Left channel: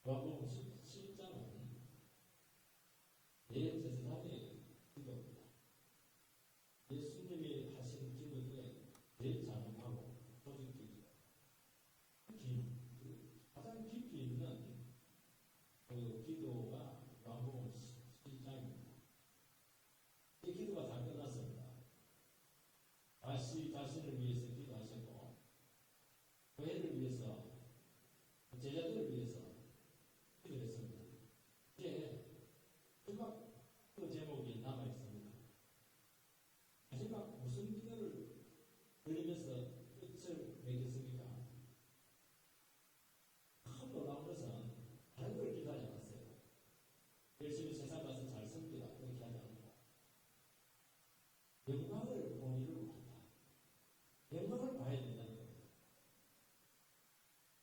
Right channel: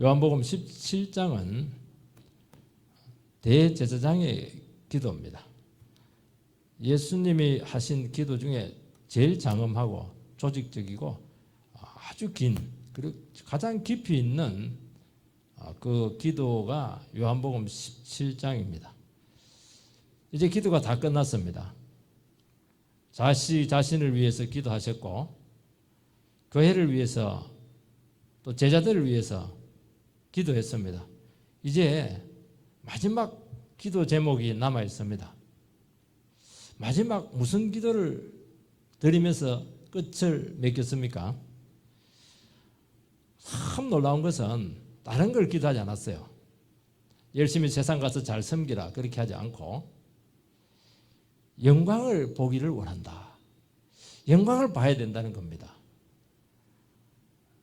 요한복음 17장은 대제사장의 기도입니다. 예수님이 하신 기도 중에 제일 장엄하고 조직적이고 아주 긴, 그리고 가장 깊이 있는 그 기도가 요한복음 17장입니다. 이제 기도가 다 끝났습니다. 자신을 위해서 기도하셨고 교회를 위해서 또 제자들을 위해서 기도했습니다. 이제 마지막 기도 제목이 남아 있습니다. 마지막 무슨 기도를 드리면서 끝을 맺겠습니까? 참 놀라운 것은 다른 걸 기도하지 않았어요. 열심히 세상 가서 잘 섬기라 그렇게 하지 않고 영광을 보기를 원한다. 영광을 봐야 된다는 겁니다.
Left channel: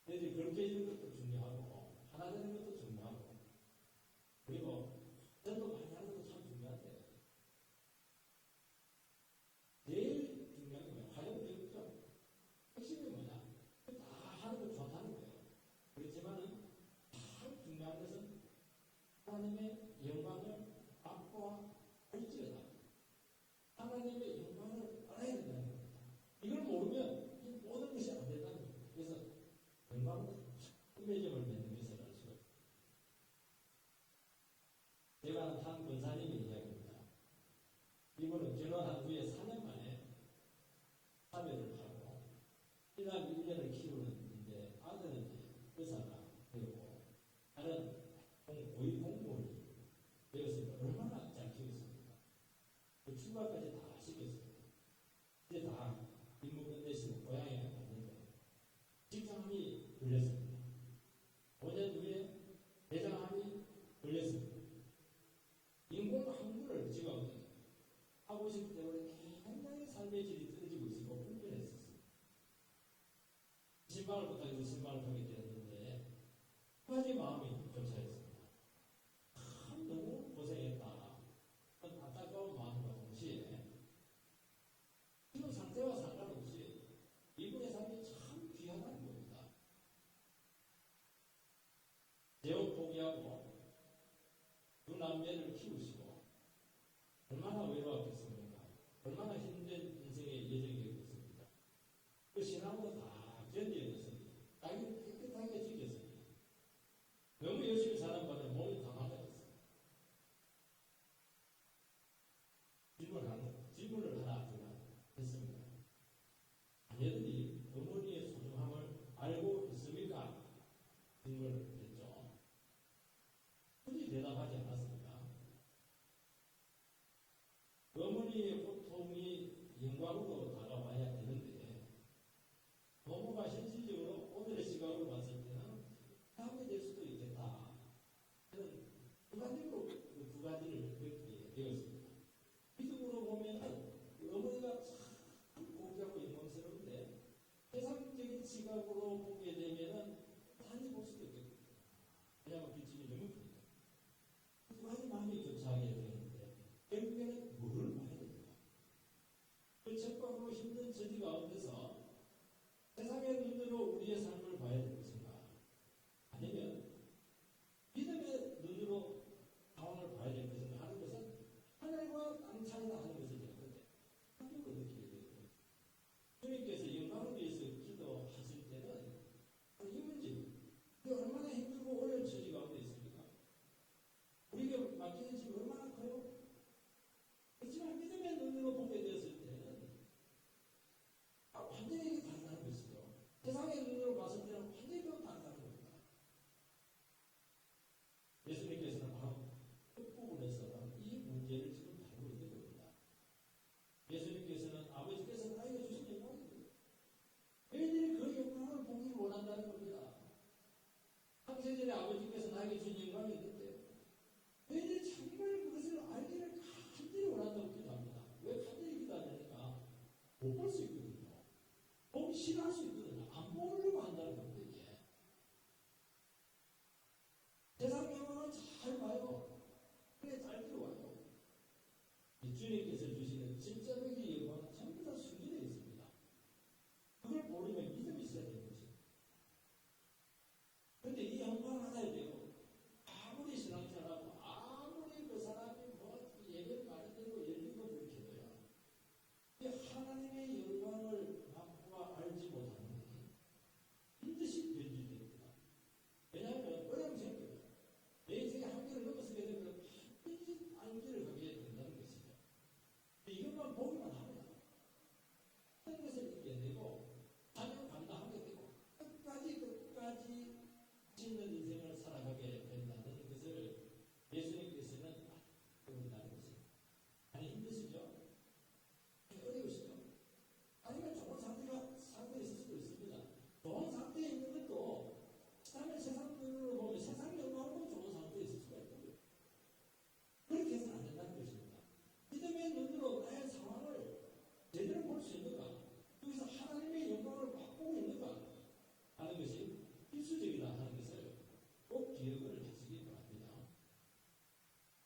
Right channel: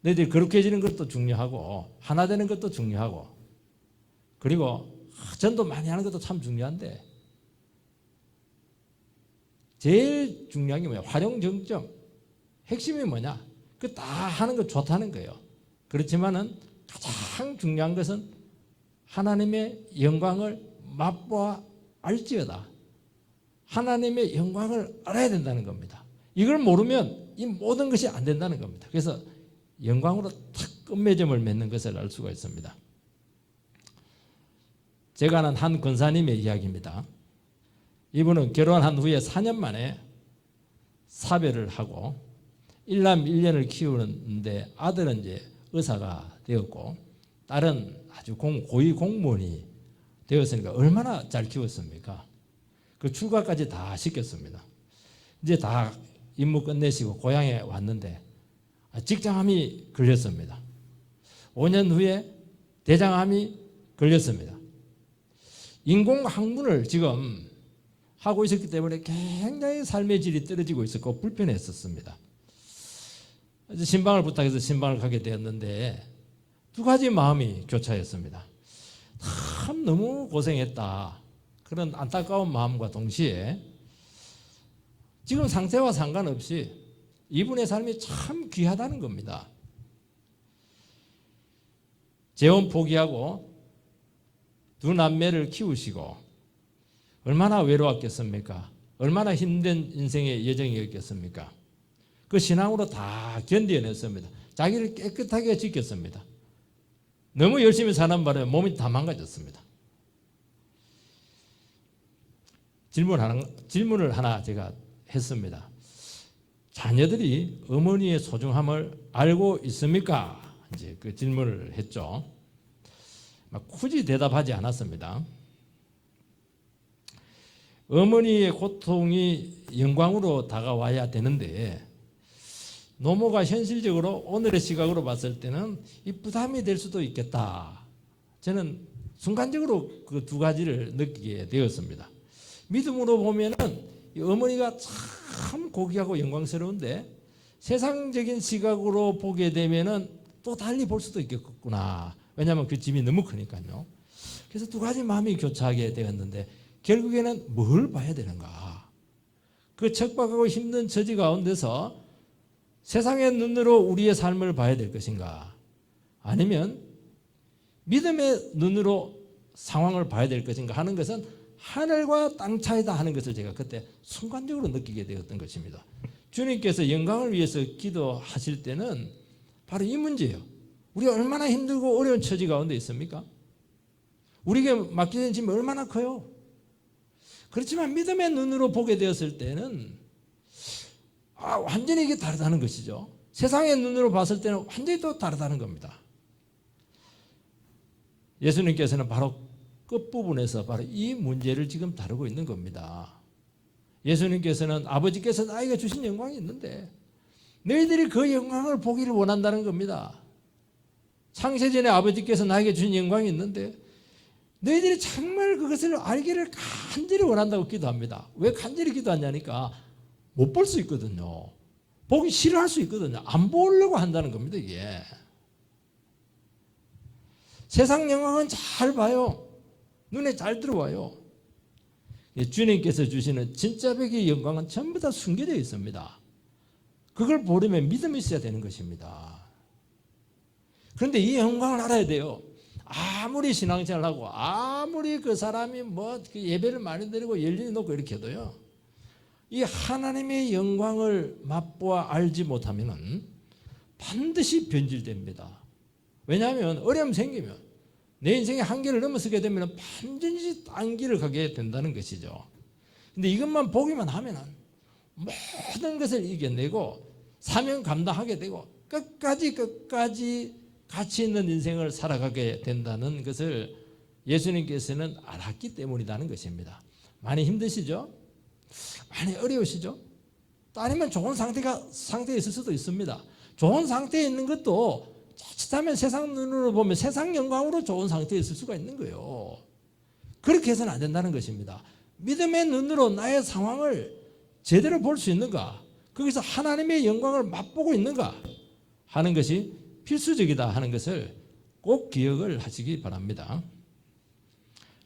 너희들이 거룩해지는 것도 중요하고 하나 되는 것도 중요하고 그리고 전도 많이 하는 것도 참 중요한데 제일 중요한 게 뭐냐? 활용정점. 핵심이 뭐냐? 그 다 하는 거 좋다는 거예요. 그렇지만은 가장 중요한 것은 하나님의 영광을 맛보아 알지어다. 하나님의 영광을 알아야 된다는 겁니다. 이걸 모르면 이 모든 것이 안 된다는 겁니다. 그래서 영광으로 탁 끝맺음을 맺는 것을 알 수가 있습니다. 제가 아는 한 권사님의 이야기입니다. 이분은 결혼한 후에 4년 만에 사별을 하고 일남 1년을 키우는데 아들은 이제 의사가 되었고 딸은 아주 고위 공무원이 되었으니까 얼마나 잘 키웠습니까? 그 출가까지 다 시켰습니다. 이제 다 임무 끝내시고 고향에 왔는데 직장암이 걸렸습니다. 5년 후에 대장암이 걸렸습니다. 인공항문을 지금 하고 있었기 때문에 굉장히 삶의 질이 떨어지고 있었고 불편했었습니다. 신방을 부탁해서 신방을 가게 되었는데 두 가지 마음이 교차했습니다. 참 너무 고생했다. 그런 안타까운 마음과 동시에 지금 상태와 상관없이 이분의 삶이 참 귀하다는 겁니다. 재혼 포기하고 두 남매를 키우시고 얼마나 외로웠겠습니까? 얼마나 힘든 인생의 여정이었겠습니까? 그 신앙으로 다 견뎌냈습니다. 자기를 깨끗하게 지켰습니다. 너무 열심히 사는 바람에 몸이 다 망가졌습니다. 질문을 하나 제가 했습니다. 자녀들이 어머니의 소중함을 알고 있습니까? 이제 그 질문을 했죠. 굳이 대답하지 않았습니다. 어머니의 고통이 영광으로 다가와야 되는데 노모가 현실적으로 오늘의 시각으로 봤을 때는 이 부담이 될 수도 있겠다. 저는 순간적으로 그 두 가지를 느끼게 되었습니다. 믿음으로 보면은 어머니가 참 고귀하고 영광스러운데 세상적인 시각으로 보게 되면은 또 달리 볼 수도 있겠구나. 왜냐하면 그 집이 너무 크니까요. 그래서 두 가지 마음이 교차하게 되었는데 결국에는 뭘 봐야 되는가? 그 척박하고 힘든 처지 가운데서 세상의 눈으로 우리의 삶을 봐야 될 것인가? 아니면 믿음의 눈으로 상황을 봐야 될 것인가 하는 것은 하늘과 땅 차이다 하는 것을 제가 그때 순간적으로 느끼게 되었던 것입니다. 주님께서 영광을 위해서 기도하실 때는 바로 이 문제예요. 우리가 얼마나 힘들고 어려운 처지 가운데 있습니까? 우리에게 맡겨진 짐이 얼마나 커요? 그렇지만 믿음의 눈으로 보게 되었을 때는 완전히 이게 다르다는 것이죠. 세상의 눈으로 봤을 때는 완전히 또 다르다는 겁니다. 예수님께서는 바로 끝부분에서 바로 이 문제를 지금 다루고 있는 겁니다. 예수님께서는 아버지께서 나에게 주신 영광이 있는데 너희들이 그 영광을 보기를 원한다는 겁니다. 창세전에 아버지께서 나에게 주신 영광이 있는데 너희들이 정말 그것을 알기를 간절히 원한다고 기도합니다. 왜 간절히 기도하냐니까 못 볼 수 있거든요. 보기 싫어할 수 있거든요. 안 보려고 한다는 겁니다. 이게 세상 영광은 잘 봐요. 눈에 잘 들어와요. 주님께서 주시는 진짜 백의 영광은 전부 다 숨겨져 있습니다. 그걸 보려면 믿음이 있어야 되는 것입니다. 그런데 이 영광을 알아야 돼요. 아무리 신앙생활하고 아무리 그 사람이 뭐 예배를 많이 드리고 열심히 놓고 이렇게 해도요, 이 하나님의 영광을 맛보아 알지 못하면은 반드시 변질됩니다. 왜냐하면 어려움 생기면 내 인생의 한계를 넘어서게 되면 반드시 딴 길을 가게 된다는 것이죠. 근데 이것만 보기만 하면은 모든 것을 이겨내고 사명 감당하게 되고 끝까지 가치 있는 인생을 살아가게 된다는 것을 예수님께서는 알았기 때문이라는 것입니다. 많이 힘드시죠? 많이 어려우시죠? 또 아니면 좋은 상태에 있을 수도 있습니다. 좋은 상태에 있는 것도 자칫하면 세상 눈으로 보면 세상 영광으로 좋은 상태에 있을 수가 있는 거예요. 그렇게 해서는 안 된다는 것입니다. 믿음의 눈으로 나의 상황을 제대로 볼 수 있는가? 거기서 하나님의 영광을 맛보고 있는가? 하는 것이 필수적이다 하는 것을 꼭 기억을 하시기 바랍니다.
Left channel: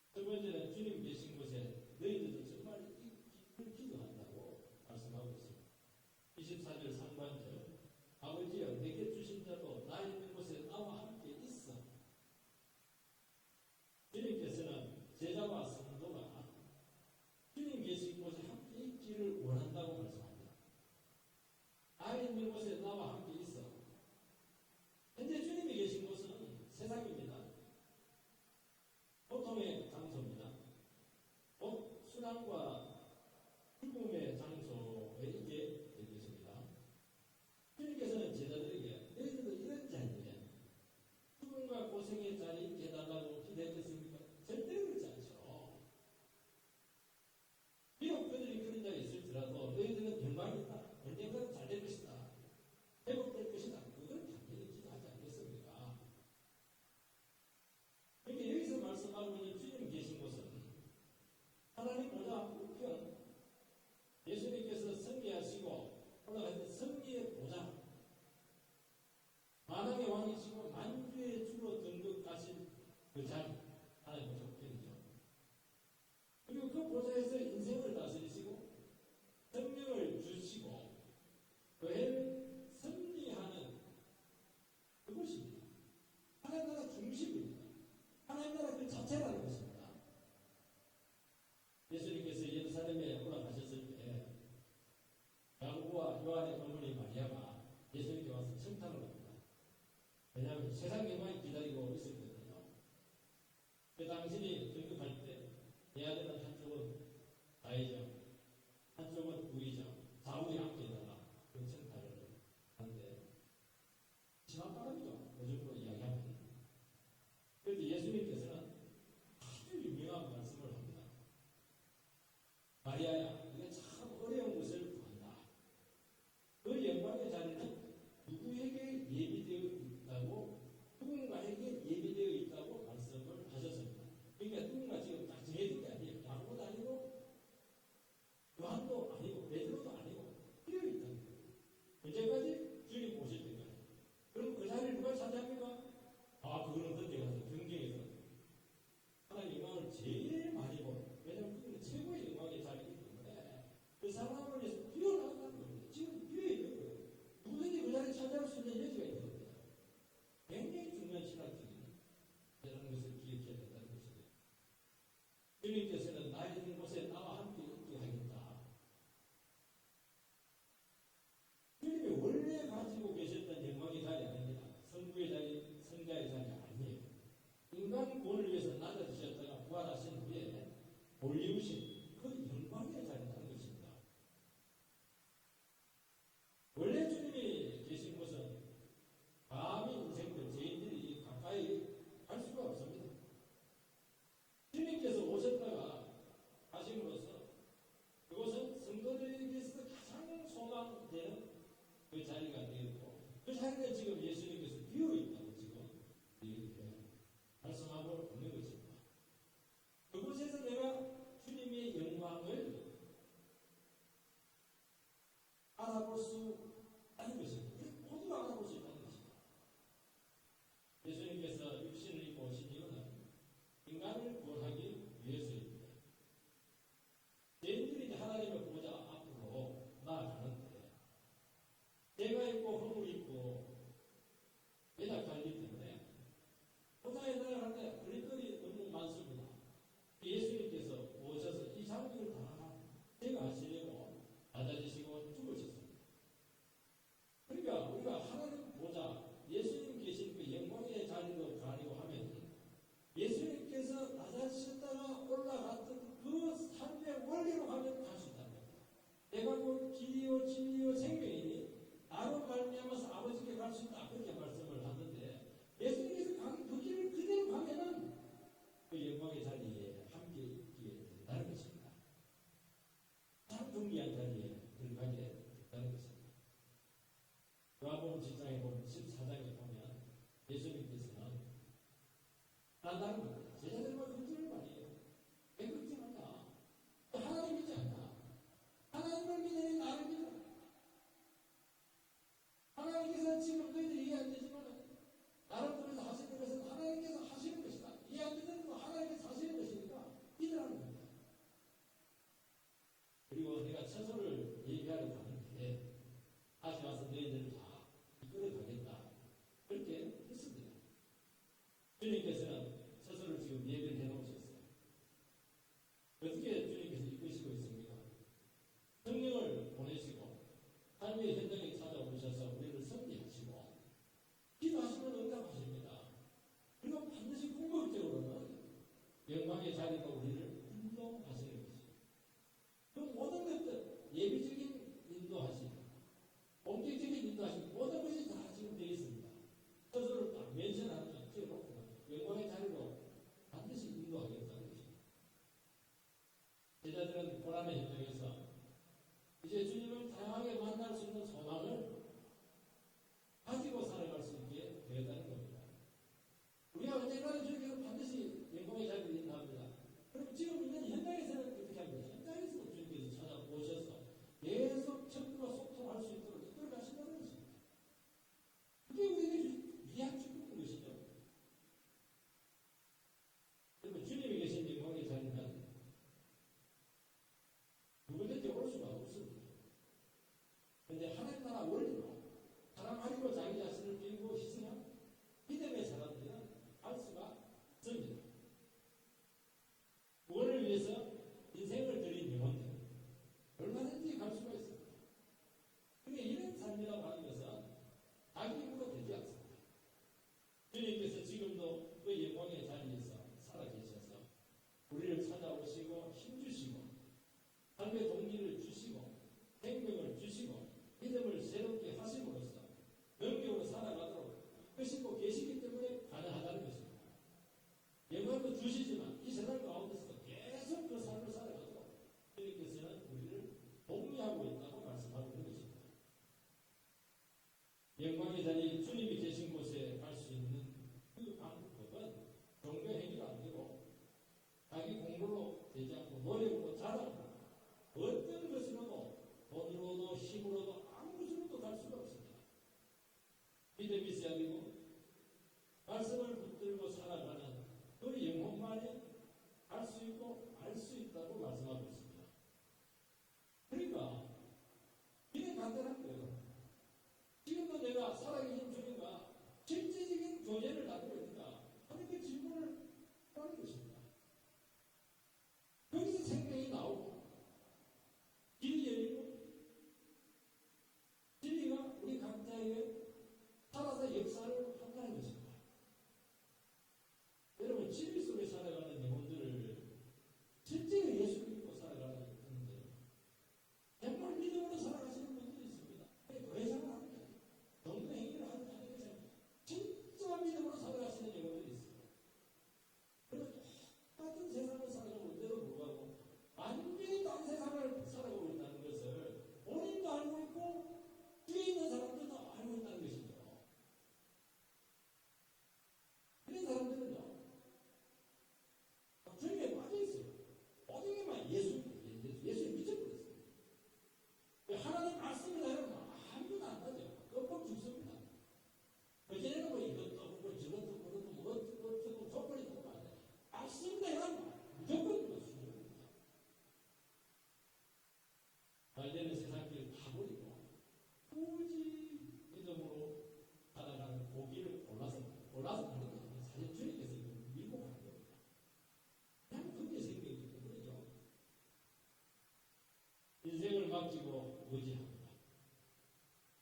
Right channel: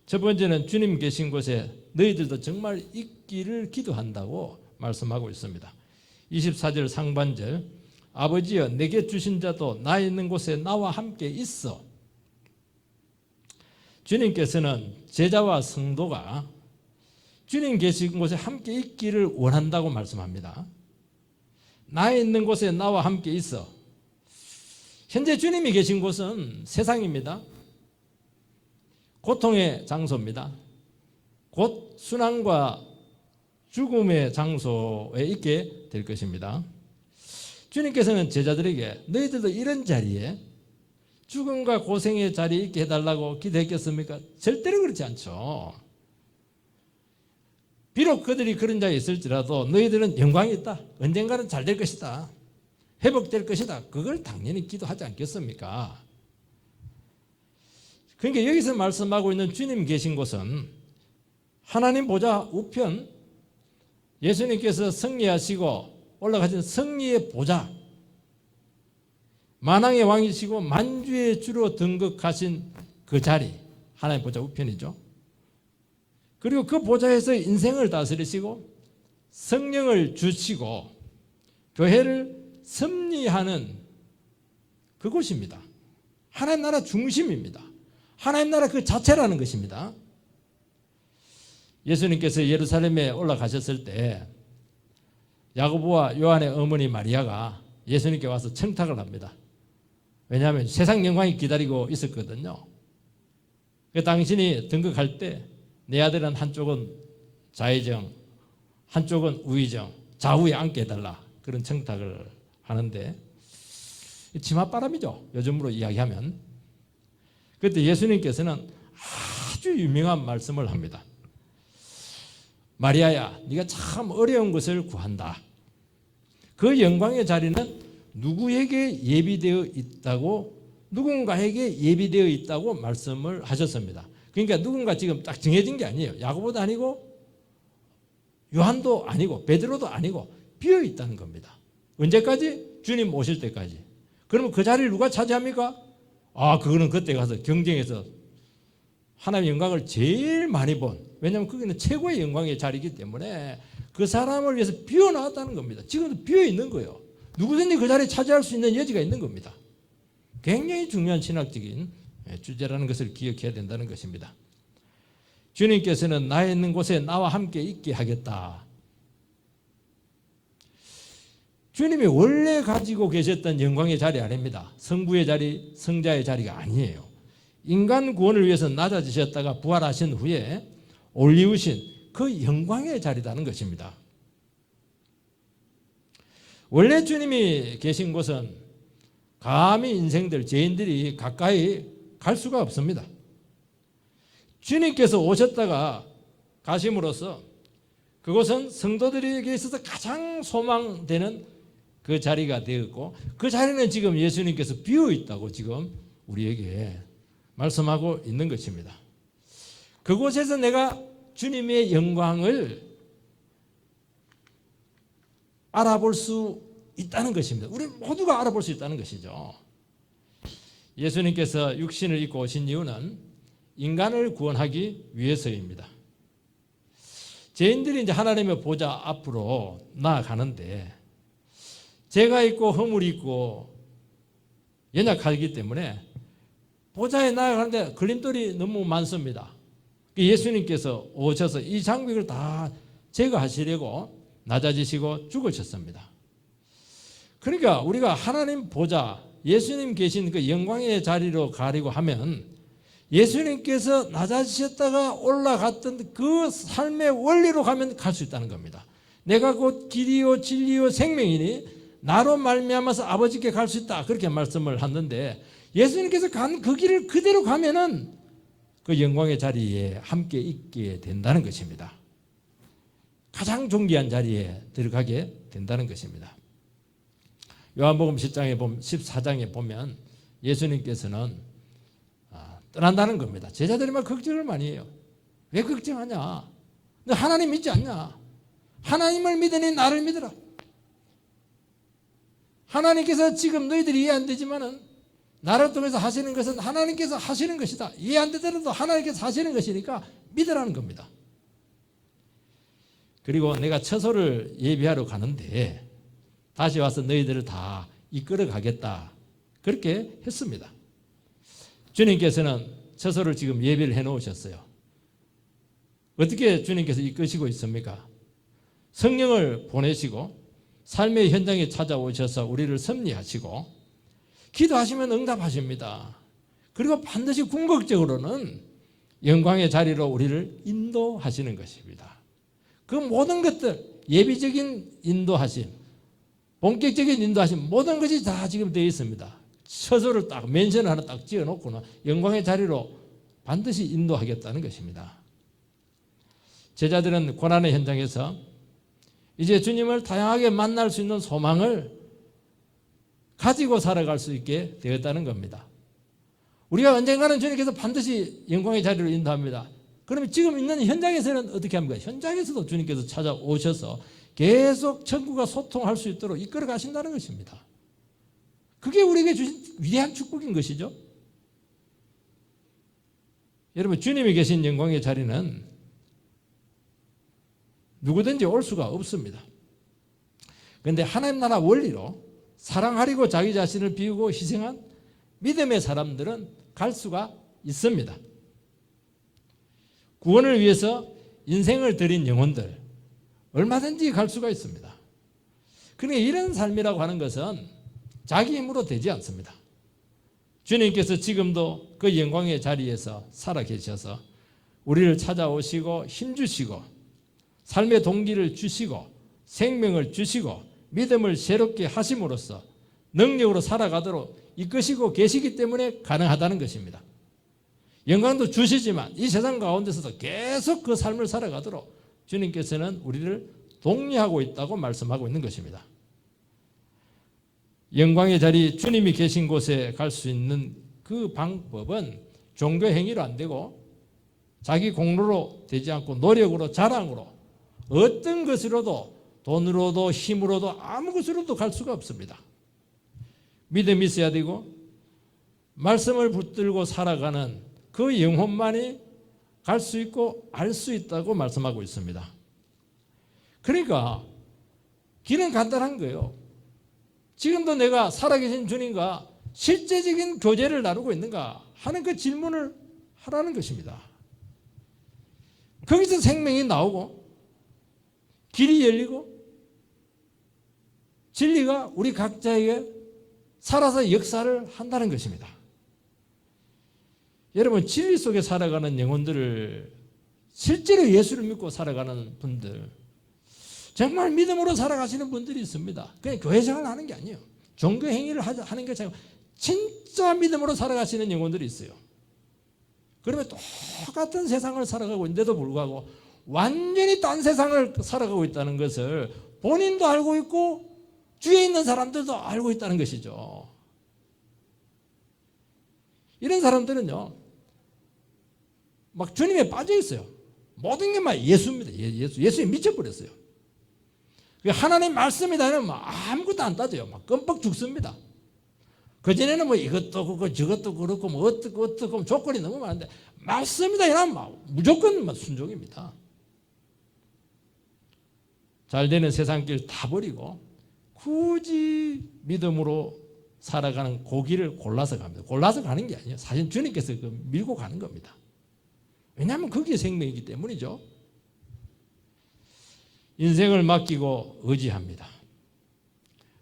첫 번째는 주님 계신 곳에 너희들도 정말 있기를 기도한다고 말씀하고 있습니다. 24절 상반절, 아버지여 내게 주신 자도 나 있는 곳에 나와 함께 있어. 주님께서는 제자와 성도가 주님 계신 곳에 함께 있기를 원한다고 말씀합니다. 나 있는 곳에 나와 함께 있어. 현재 주님이 계신 곳은 세상입니다. 고통의 장소입니다. 곧 순환과 죽음의 장소에 있게 될 것입니다. 주님께서는 제자들에게 너희들도 이런 자리에 죽음과 고생의 자리에 있게 해달라고 기도했겠습니까? 절대로 그렇지 않죠. 비록 그들이 그런 자리에 있을지라도 너희들은 영광이 있다. 언젠가는 잘 될 것이다. 회복될 것이다. 그걸 당연히 기도하지 않겠습니까? 그러니까 여기서 말씀하고 있는 주님 계신 곳은 하나님 보좌 우편, 예수님께서 승리하시고 올라가신 승리의 보좌, 만왕의 왕이시고 만주의 주로 등극하신 그 자리, 하나님 보좌 우편이죠. 그리고 그 보좌에서 인생을 다스리시고 성령을 주시고 교회를 섭리하는 그곳입니다. 하나님 나라 중심입니다. 하나님 나라 그 자체라는 것입니다. 예수님께서 예루살렘에 올라가셨을 때 야고보와 요한의 어머니 마리아가 예수님께 와서 청탁을 합니다. 왜냐하면 세상 영광이 기다리고 있었거든요. 당신이 등극할 때 내 아들은 한쪽은 좌의정, 한쪽은 우의정, 좌우에 앉게 해달라, 그런 청탁을 하는데 치맛바람이죠. 요즘으로 이야기하면. 그때 예수님께서는 아주 유명한 말씀을 합니다. 마리아야, 네가 참 어려운 것을 구한다. 그 영광의 자리는 누구에게 예비되어 있다고, 누군가에게 예비되어 있다고 말씀을 하셨습니다. 그러니까 누군가 지금 딱 정해진 게 아니에요. 야고보도 아니고 요한도 아니고 베드로도 아니고 비어 있다는 겁니다. 언제까지? 주님 오실 때까지. 그러면 그 자리를 누가 차지합니까? 그거는 그때 가서 경쟁해서 하나님의 영광을 제일 많이 본, 왜냐하면 거기는 최고의 영광의 자리이기 때문에 그 사람을 위해서 비워놨다는 겁니다. 지금도 비어 있는 거예요. 누구든지 그 자리에 차지할 수 있는 여지가 있는 겁니다. 굉장히 중요한 신학적인 주제라는 것을 기억해야 된다는 것입니다. 주님께서는 나 있는 곳에 나와 함께 있게 하겠다. 주님이 원래 가지고 계셨던 영광의 자리 아닙니다. 성부의 자리, 성자의 자리가 아니에요. 인간 구원을 위해서 낮아지셨다가 부활하신 후에 올리우신 그 영광의 자리라는 것입니다. 원래 주님이 계신 곳은 감히 인생들, 죄인들이 가까이 갈 수가 없습니다. 주님께서 오셨다가 가심으로써 그곳은 성도들에게 있어서 가장 소망되는 그 자리가 되었고, 그 자리는 지금 예수님께서 비어 있다고 지금 우리에게 말씀하고 있는 것입니다. 그곳에서 내가 주님의 영광을 알아볼 수 있다는 것입니다. 우리 모두가 알아볼 수 있다는 것이죠. 예수님께서 육신을 입고 오신 이유는 인간을 구원하기 위해서입니다. 죄인들이 이제 하나님의 보좌 앞으로 나아가는데 죄가 있고 허물이 있고 연약하기 때문에 보좌에 나아가는데 걸림돌이 너무 많습니다. 예수님께서 오셔서 이 장벽을 다 제거하시려고 낮아지시고 죽으셨습니다. 그러니까 우리가 하나님 보좌, 예수님 계신 그 영광의 자리로 가려고 하면 예수님께서 낮아지셨다가 올라갔던 그 삶의 원리로 가면 갈 수 있다는 겁니다. 내가 곧 길이요 진리요 생명이니 나로 말미암아서 아버지께 갈 수 있다, 그렇게 말씀을 하는데, 예수님께서 간 그 길을 그대로 가면은 그 영광의 자리에 함께 있게 된다는 것입니다. 가장 존귀한 자리에 들어가게 된다는 것입니다. 요한복음 14장에 보면 예수님께서는 떠난다는 겁니다. 제자들이 막 걱정을 많이 해요. 왜 걱정하냐? 너 하나님 믿지 않냐? 하나님을 믿으니 나를 믿으라. 하나님께서 지금 너희들이 이해 안 되지만은 나를 통해서 하시는 것은 하나님께서 하시는 것이다. 이해 안 되더라도 하나님께서 하시는 것이니까 믿으라는 겁니다. 그리고 내가 처소를 예비하러 가는데 다시 와서 너희들을 다 이끌어 가겠다, 그렇게 했습니다. 주님께서는 처소를 지금 예비를 해 놓으셨어요. 어떻게 주님께서 이끄시고 있습니까? 성령을 보내시고 삶의 현장에 찾아오셔서 우리를 섭리하시고 기도하시면 응답하십니다. 그리고 반드시 궁극적으로는 영광의 자리로 우리를 인도하시는 것입니다. 그 모든 것들, 예비적인 인도하심, 본격적인 인도하심, 모든 것이 다 지금 되어 있습니다. 처소를 딱 멘션을 하나 딱 지어놓고는 영광의 자리로 반드시 인도하겠다는 것입니다. 제자들은 고난의 현장에서 이제 주님을 다양하게 만날 수 있는 소망을 가지고 살아갈 수 있게 되었다는 겁니다. 우리가 언젠가는 주님께서 반드시 영광의 자리로 인도합니다. 그러면 지금 있는 현장에서는 어떻게 합니까? 현장에서도 주님께서 찾아오셔서 계속 천국과 소통할 수 있도록 이끌어 가신다는 것입니다. 그게 우리에게 주신 위대한 축복인 것이죠. 여러분, 주님이 계신 영광의 자리는 누구든지 올 수가 없습니다. 그런데 하나님 나라 원리로 사랑하려고 자기 자신을 비우고 희생한 믿음의 사람들은 갈 수가 있습니다. 구원을 위해서 인생을 드린 영혼들 얼마든지 갈 수가 있습니다. 그러니까 이런 삶이라고 하는 것은 자기 힘으로 되지 않습니다. 주님께서 지금도 그 영광의 자리에서 살아계셔서 우리를 찾아오시고 힘주시고 삶의 동기를 주시고 생명을 주시고 믿음을 새롭게 하심으로써 능력으로 살아가도록 이끄시고 계시기 때문에 가능하다는 것입니다. 영광도 주시지만 이 세상 가운데서도 계속 그 삶을 살아가도록 주님께서는 우리를 독려하고 있다고 말씀하고 있는 것입니다. 영광의 자리, 주님이 계신 곳에 갈 수 있는 그 방법은 종교 행위로 안 되고 자기 공로로 되지 않고 노력으로, 자랑으로, 어떤 것으로도, 돈으로도 힘으로도 아무 것으로도 갈 수가 없습니다. 믿음이 있어야 되고 말씀을 붙들고 살아가는 그 영혼만이 갈 수 있고 알 수 있다고 말씀하고 있습니다. 그러니까 길은 간단한 거예요. 지금도 내가 살아계신 주님과 실제적인 교제를 나누고 있는가 하는 그 질문을 하라는 것입니다. 거기서 생명이 나오고 길이 열리고 진리가 우리 각자에게 살아서 역사를 한다는 것입니다. 여러분, 진리 속에 살아가는 영혼들을, 실제로 예수를 믿고 살아가는 분들, 정말 믿음으로 살아가시는 분들이 있습니다. 그냥 교회 생활하는 게 아니에요. 종교 행위를 하는 게 아니고 진짜 믿음으로 살아가시는 영혼들이 있어요. 그러면 똑같은 세상을 살아가고 있는데도 불구하고 완전히 딴 세상을 살아가고 있다는 것을 본인도 알고 있고 주위에 있는 사람들도 알고 있다는 것이죠. 이런 사람들은요, 막 주님에 빠져 있어요. 모든 게 막 예수입니다. 예수에 미쳐버렸어요. 하나님 말씀이다 면 아무것도 안 따져요. 막 끔뻑 죽습니다. 그전에는 뭐 이것도 그렇고 저것도 그렇고 뭐 어떻고 조건이 너무 많은데 말씀이다 이러면 무조건 순종입니다. 잘 되는 세상길 다 버리고 굳이 믿음으로 살아가는 고기를 골라서 갑니다. 골라서 가는 게 아니에요. 사실 주님께서 밀고 가는 겁니다. 왜냐하면 그게 생명이기 때문이죠. 인생을 맡기고 의지합니다.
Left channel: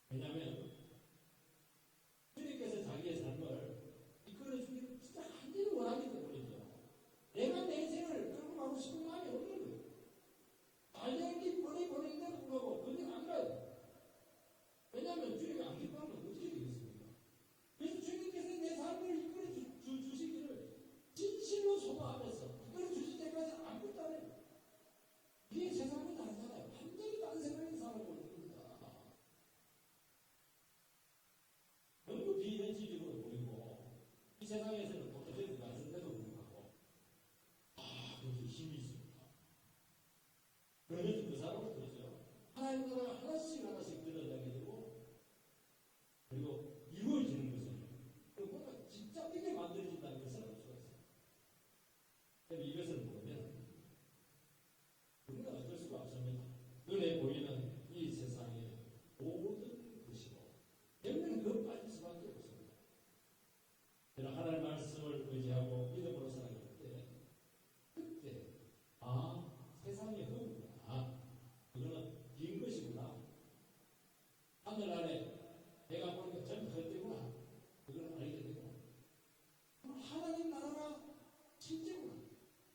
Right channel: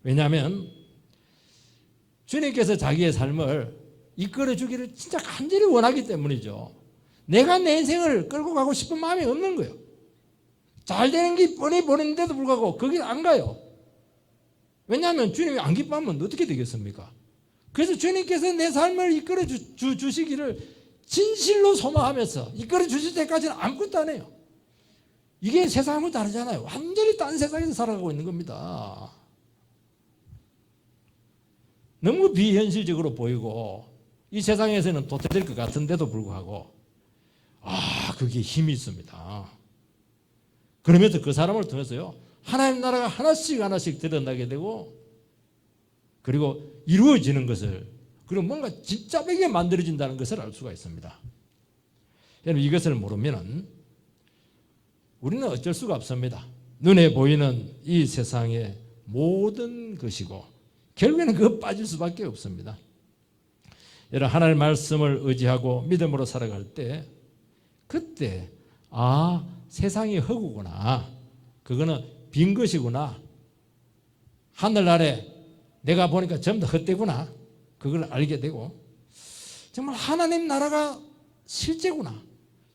왜냐하면 주님께서 자기의 삶을 이끌어 주기를 진짜 간절히 원하기 때문이죠. 내가 내 인생을 끌고 가고 싶은 마음이 없는 거예요. 잘 되는 게 뻔히 보이는데도 불구하고 거길 안 가요. 왜냐하면 주님이 안 기뻐하면 어떻게 되겠습니까? 그래서 주님께서 내 삶을 이끌어 주시기를 진실로 소망하면서 이끌어 주실 때까지는 아무것도 안 해요. 이게 세상하고 다르잖아요. 완전히 딴 세상에서 살아가고 있는 겁니다. 너무 비현실적으로 보이고 이 세상에서는 도태될 것 같은데도 불구하고 그게 힘이 있습니다. 그러면서 그 사람을 통해서요 하나님 나라가 하나씩 드러나게 되고 그리고 이루어지는 것을 그리고 뭔가 진짜되게 만들어진다는 것을 알 수가 있습니다. 여러분 이것을 모르면은 우리는 어쩔 수가 없습니다. 눈에 보이는 이 세상의 모든 것이고 결국에는 그거 빠질 수밖에 없습니다. 여러분 하나님의 말씀을 의지하고 믿음으로 살아갈 때 그때 세상이 허구구나. 그거는 빈 것이구나. 하늘 아래 내가 보니까 전부 다 헛되구나. 그걸 알게 되고 정말 하나님 나라가 실제구나.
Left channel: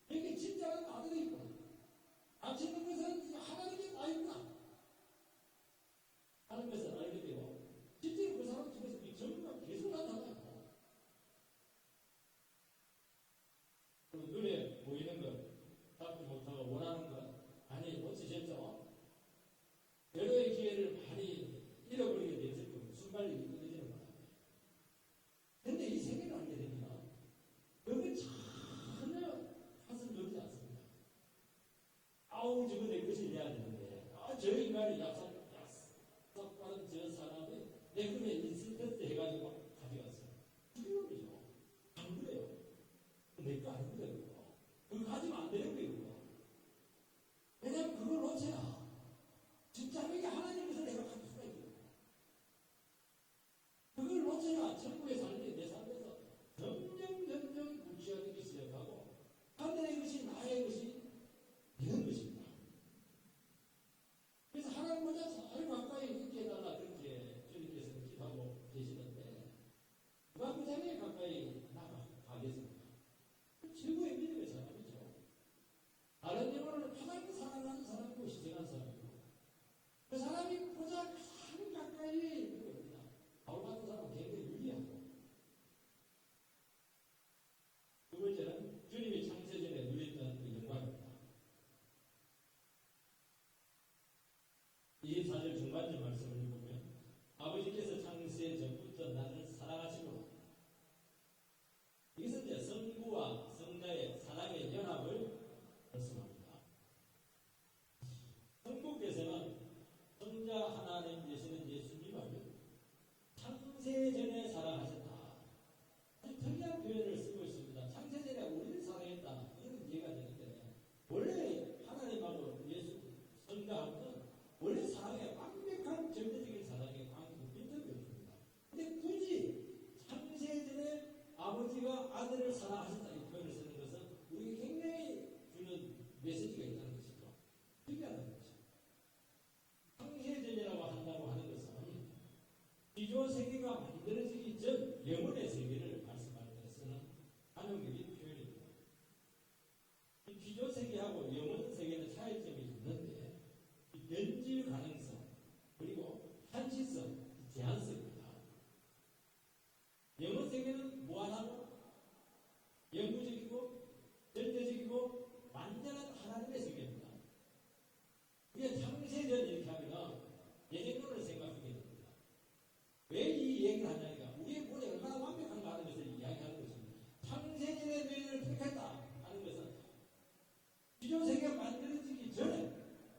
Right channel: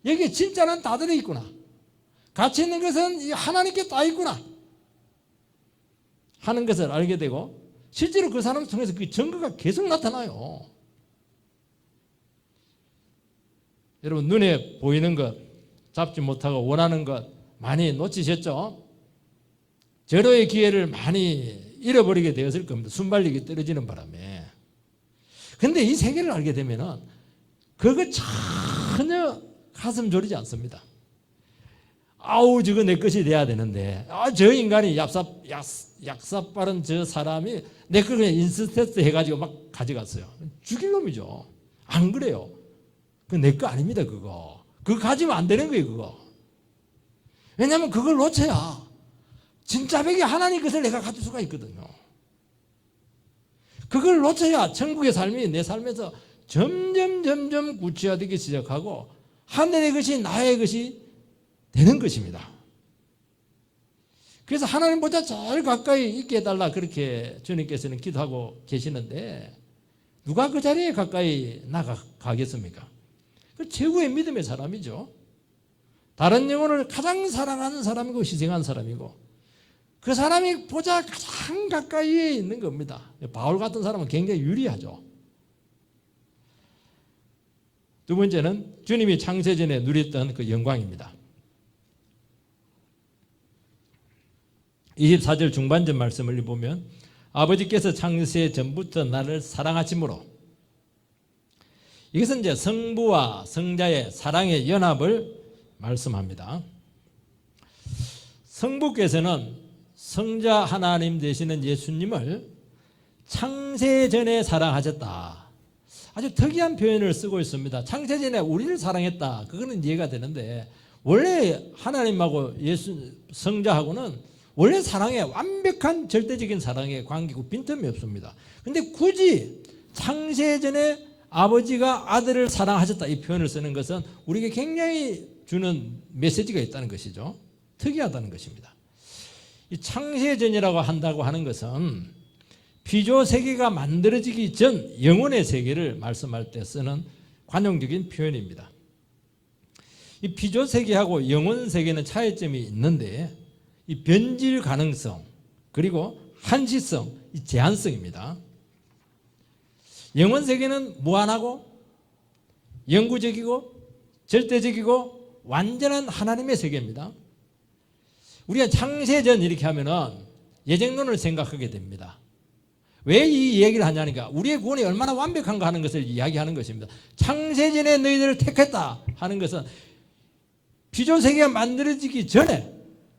여기에 진짜는 다 들어있구나. 가치 있는 것은 하나님께 다 있구나 하는 것을 알게 되고 실제로 그 사람을 통해서 그 증거가 계속 나타나요. 여러분 눈에 보이는 것 잡지 못하고 원하는 것 많이 놓치셨죠? 절호의 기회를 많이 잃어버리게 되었을 겁니다. 순발력이 떨어지는 바람에. 그런데 이 세계를 알게 되면은 그거 전혀 가슴 졸이지 않습니다. 저거 내 것이 돼야 되는데 저 인간이 약사 빠른 저 사람이 내 걸 그냥 인스테트 해가지고 막 가져갔어요. 죽일 놈이죠. 안 그래요? 그거 내 거 아닙니다. 그거 가지면 안 되는 거예요. 그거. 왜냐하면 그걸 놓쳐야 진짜 백이 하나님 것을 내가 가질 수가 있거든요. 그걸 놓쳐야 천국의 삶이 내 삶에서 점점 구체화되기 시작하고 하늘의 것이 나의 것이 되는 것입니다. 그래서 하나님보다 제일 가까이 있게 해달라 그렇게 주님께서는 기도하고 계시는데 누가 그 자리에 가까이 나가겠습니까? 그 최고의 믿음의 사람이죠. 다른 영혼을 가장 사랑하는 사람이고 희생한 사람이고 그 사람이 보자 가장 가까이에 있는 겁니다. 바울 같은 사람은 굉장히 유리하죠. 두 번째는 주님이 창세전에 누렸던 그 영광입니다. 24절 중반전 말씀을 보면 아버지께서 창세 전부터 나를 사랑하심으로 이것은 이제 성부와 성자의 사랑의 연합을 말씀합니다. 성부께서는 성자 하나님 되시는 예수님을 창세전에 사랑하셨다. 아주 특이한 표현을 쓰고 있습니다. 창세전에 우리를 사랑했다. 그거는 이해가 되는데 원래 하나님하고 성자하고는 원래 사랑의 완벽한 절대적인 사랑의 관계고 빈틈이 없습니다. 그런데 굳이 창세전에 아버지가 아들을 사랑하셨다 이 표현을 쓰는 것은 우리에게 굉장히 주는 메시지가 있다는 것이죠. 특이하다는 것입니다. 이 창세전이라고 한다고 하는 것은 피조 세계가 만들어지기 전 영혼의 세계를 말씀할 때 쓰는 관용적인 표현입니다. 이 피조 세계하고 영혼 세계는 차이점이 있는데 이 변질 가능성 그리고 한시성, 이 제한성입니다. 영혼 세계는 무한하고 영구적이고 절대적이고 완전한 하나님의 세계입니다. 우리가 창세전 이렇게 하면은 예정론을 생각하게 됩니다. 왜 이 얘기를 하냐니까 우리의 구원이 얼마나 완벽한가 하는 것을 이야기하는 것입니다. 창세전에 너희들을 택했다 하는 것은 피조 세계가 만들어지기 전에